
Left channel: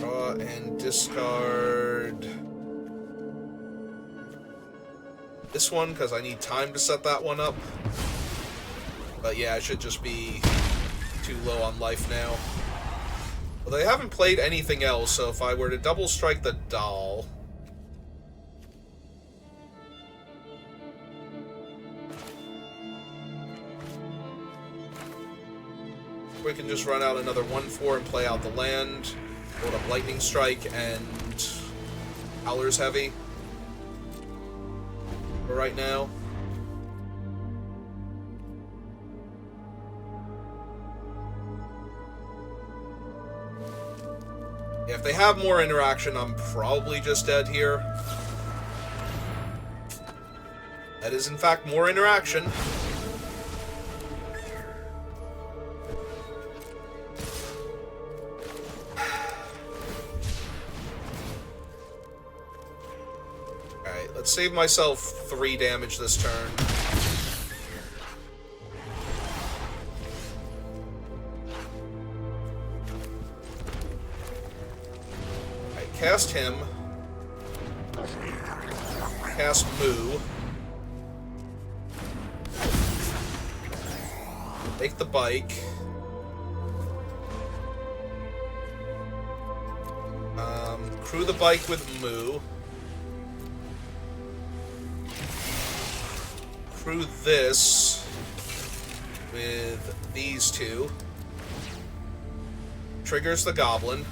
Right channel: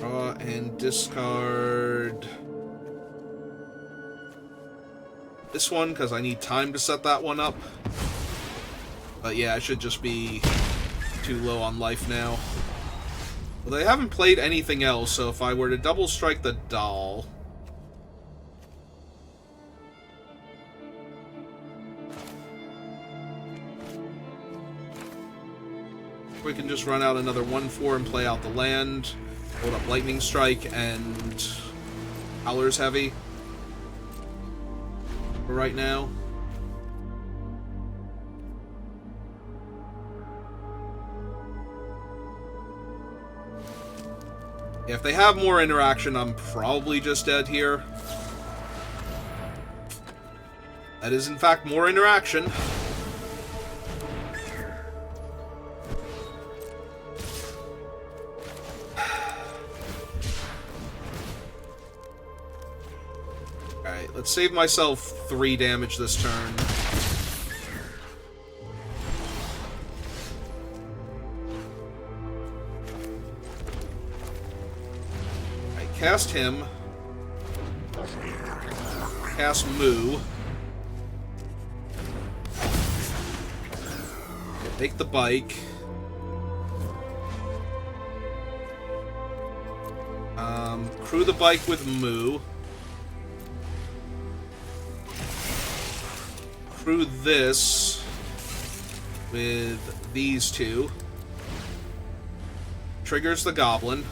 Draw and discard this one, because I need time to set that one up. But yeah, I should just be too low on life now. Well, they haven't played anything else, so if I were to double strike the doll... we can just run out another 1/4 and play out the land. Hold up Lightning Strike and Howler's Heavy for right now. Yeah, if they have more interaction, I'm probably just dead here. That is, in fact, more interaction. Alright, let's save myself 3 damage this turn. Cast him. Cast Moo. Take the bike. Crew the bike with Moo. Crew this with these 2. Triggers the goblin.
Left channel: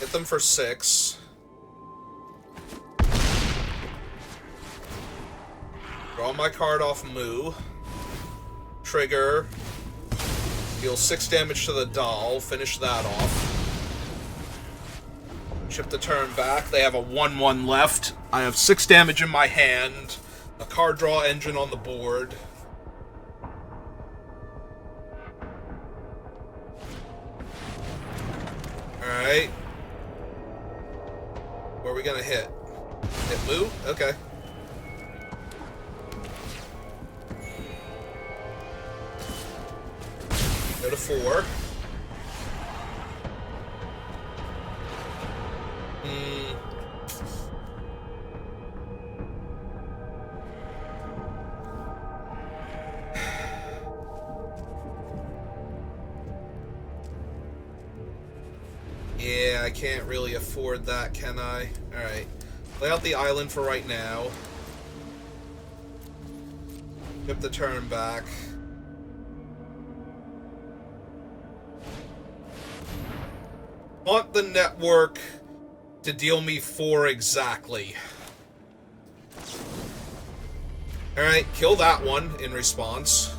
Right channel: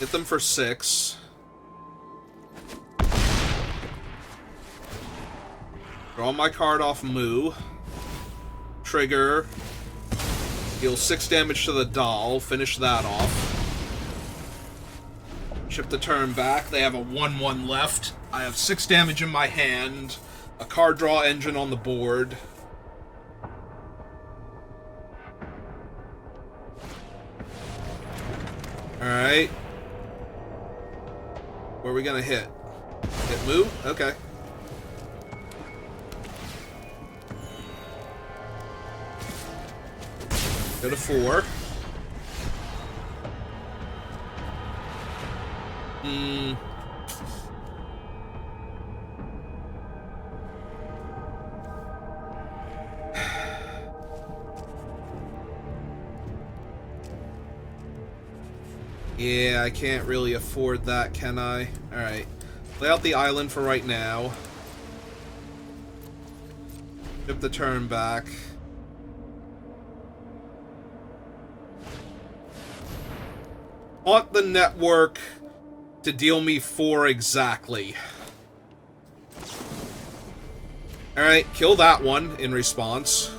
Hit them for 6. Draw my card off Moo. Trigger. Deal 6 damage to the doll. Finish that off. Chip the turn back. They have a 1/1 left. I have 6 damage in my hand. A card draw engine on the board. Alright. Where are we gonna hit? Hit Moo? Okay. Go to 4. Yeah, I can't really afford that, can I? Alright. Lay out the island for right now. Skip the turn back. Want the network to deal me 4 exactly. Alright, kill that one in response.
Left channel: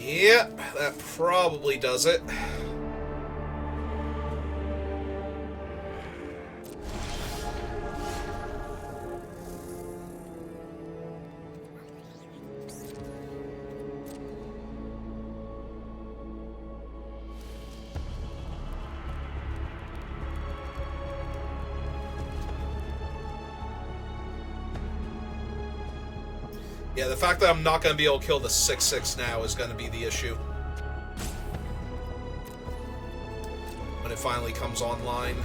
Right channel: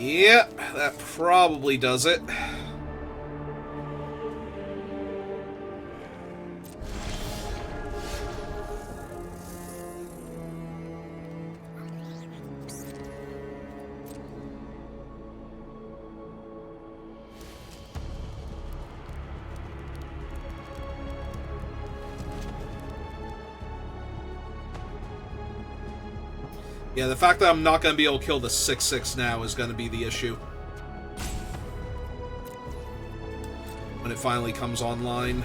Yep, that probably does it. Yeah, the fact that I'm not going to be able to kill the 6/6 now is going to be the issue. When it finally comes online.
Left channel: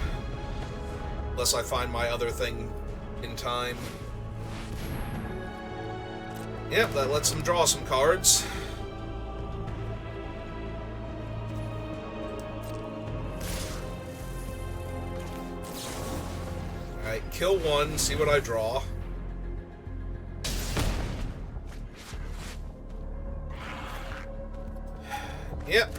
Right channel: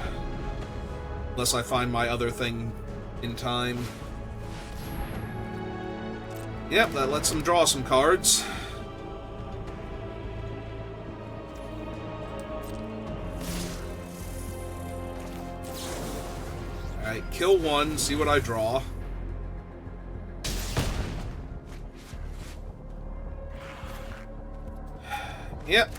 Unless I find my other thing in time. Yep, that lets them draw some cards. Alright, kill one, see what I draw. Yep.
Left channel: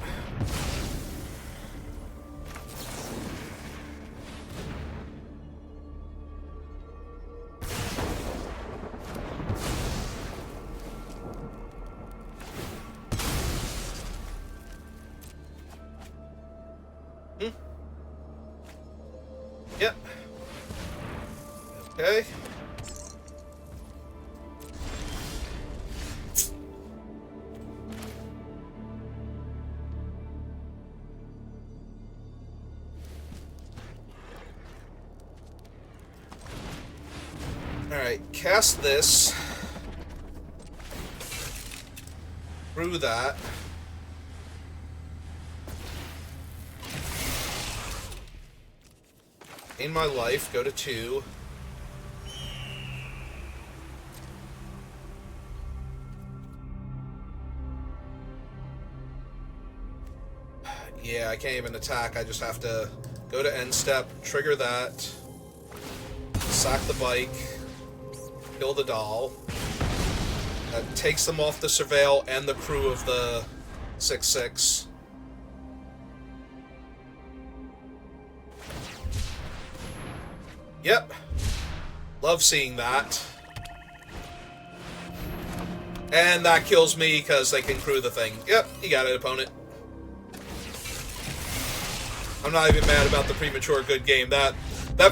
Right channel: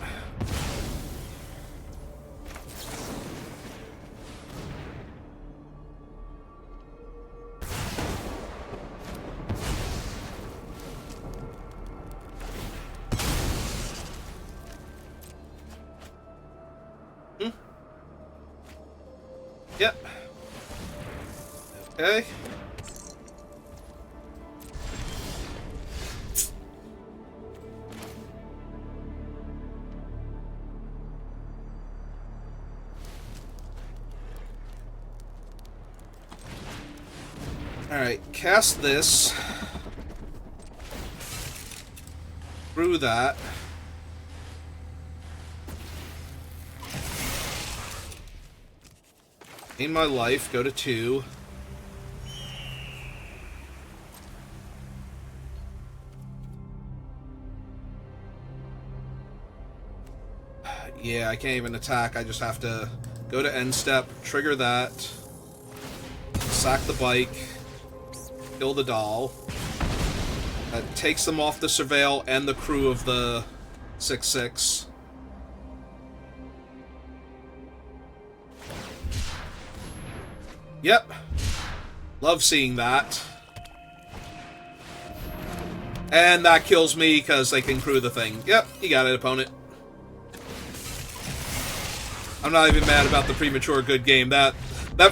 Yep. Okay. Alright, cast this. Through that. Gain my life, go to 2. Yeah, I can't even attack, I just have to go to end step, trigger that, sack the bike, kill the doll. That takes them off the surveil and the crew of the 6/6. Yep. Love seeing that. And that kills me because they can crew the thing. Yep, you got it, opponent. I'm not even mad about the premature good game. That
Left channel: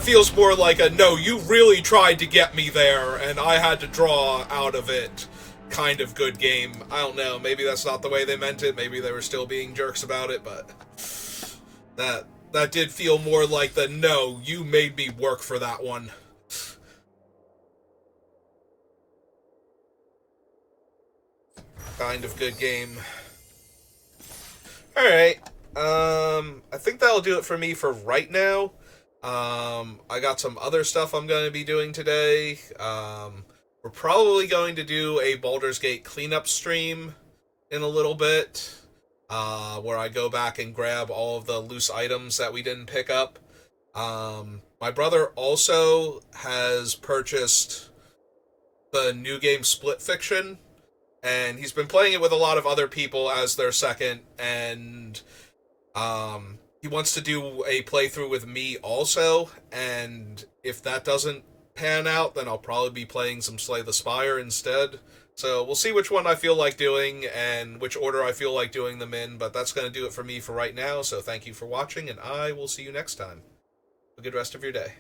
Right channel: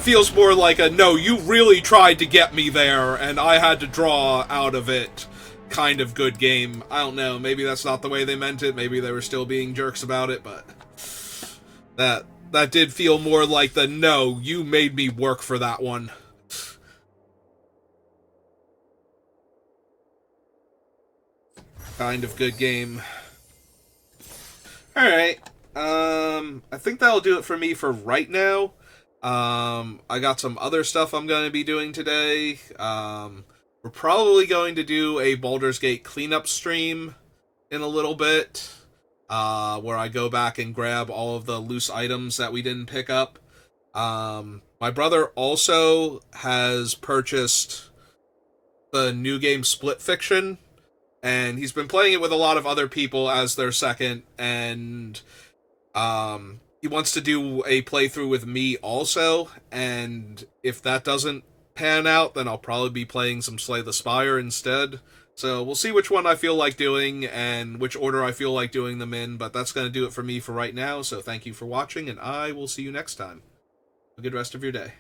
feels more like a, no, you really tried to get me there, and I had to draw out of it kind of good game. I don't know, maybe that's not the way they meant it, maybe they were still being jerks about it, but that did feel more like the, no, you made me work for that one. Kind of good game. Alright, I think that'll do it for me for right now. I got some other stuff I'm going to be doing today. We're probably going to do a Baldur's Gate cleanup stream in a little bit, where I go back and grab all of the loose items that we didn't pick up. My brother also has purchased the new game Split Fiction, and he's been playing it with a lot of other people as their second, and he wants to do a playthrough with me also, and if that doesn't pan out, then I'll probably be playing some Slay the Spire instead. So we'll see which one I feel like doing and which order I feel like doing them in, but that's going to do it for me for right now, so thank you for watching, and I will see you next time. Have a good rest of your day.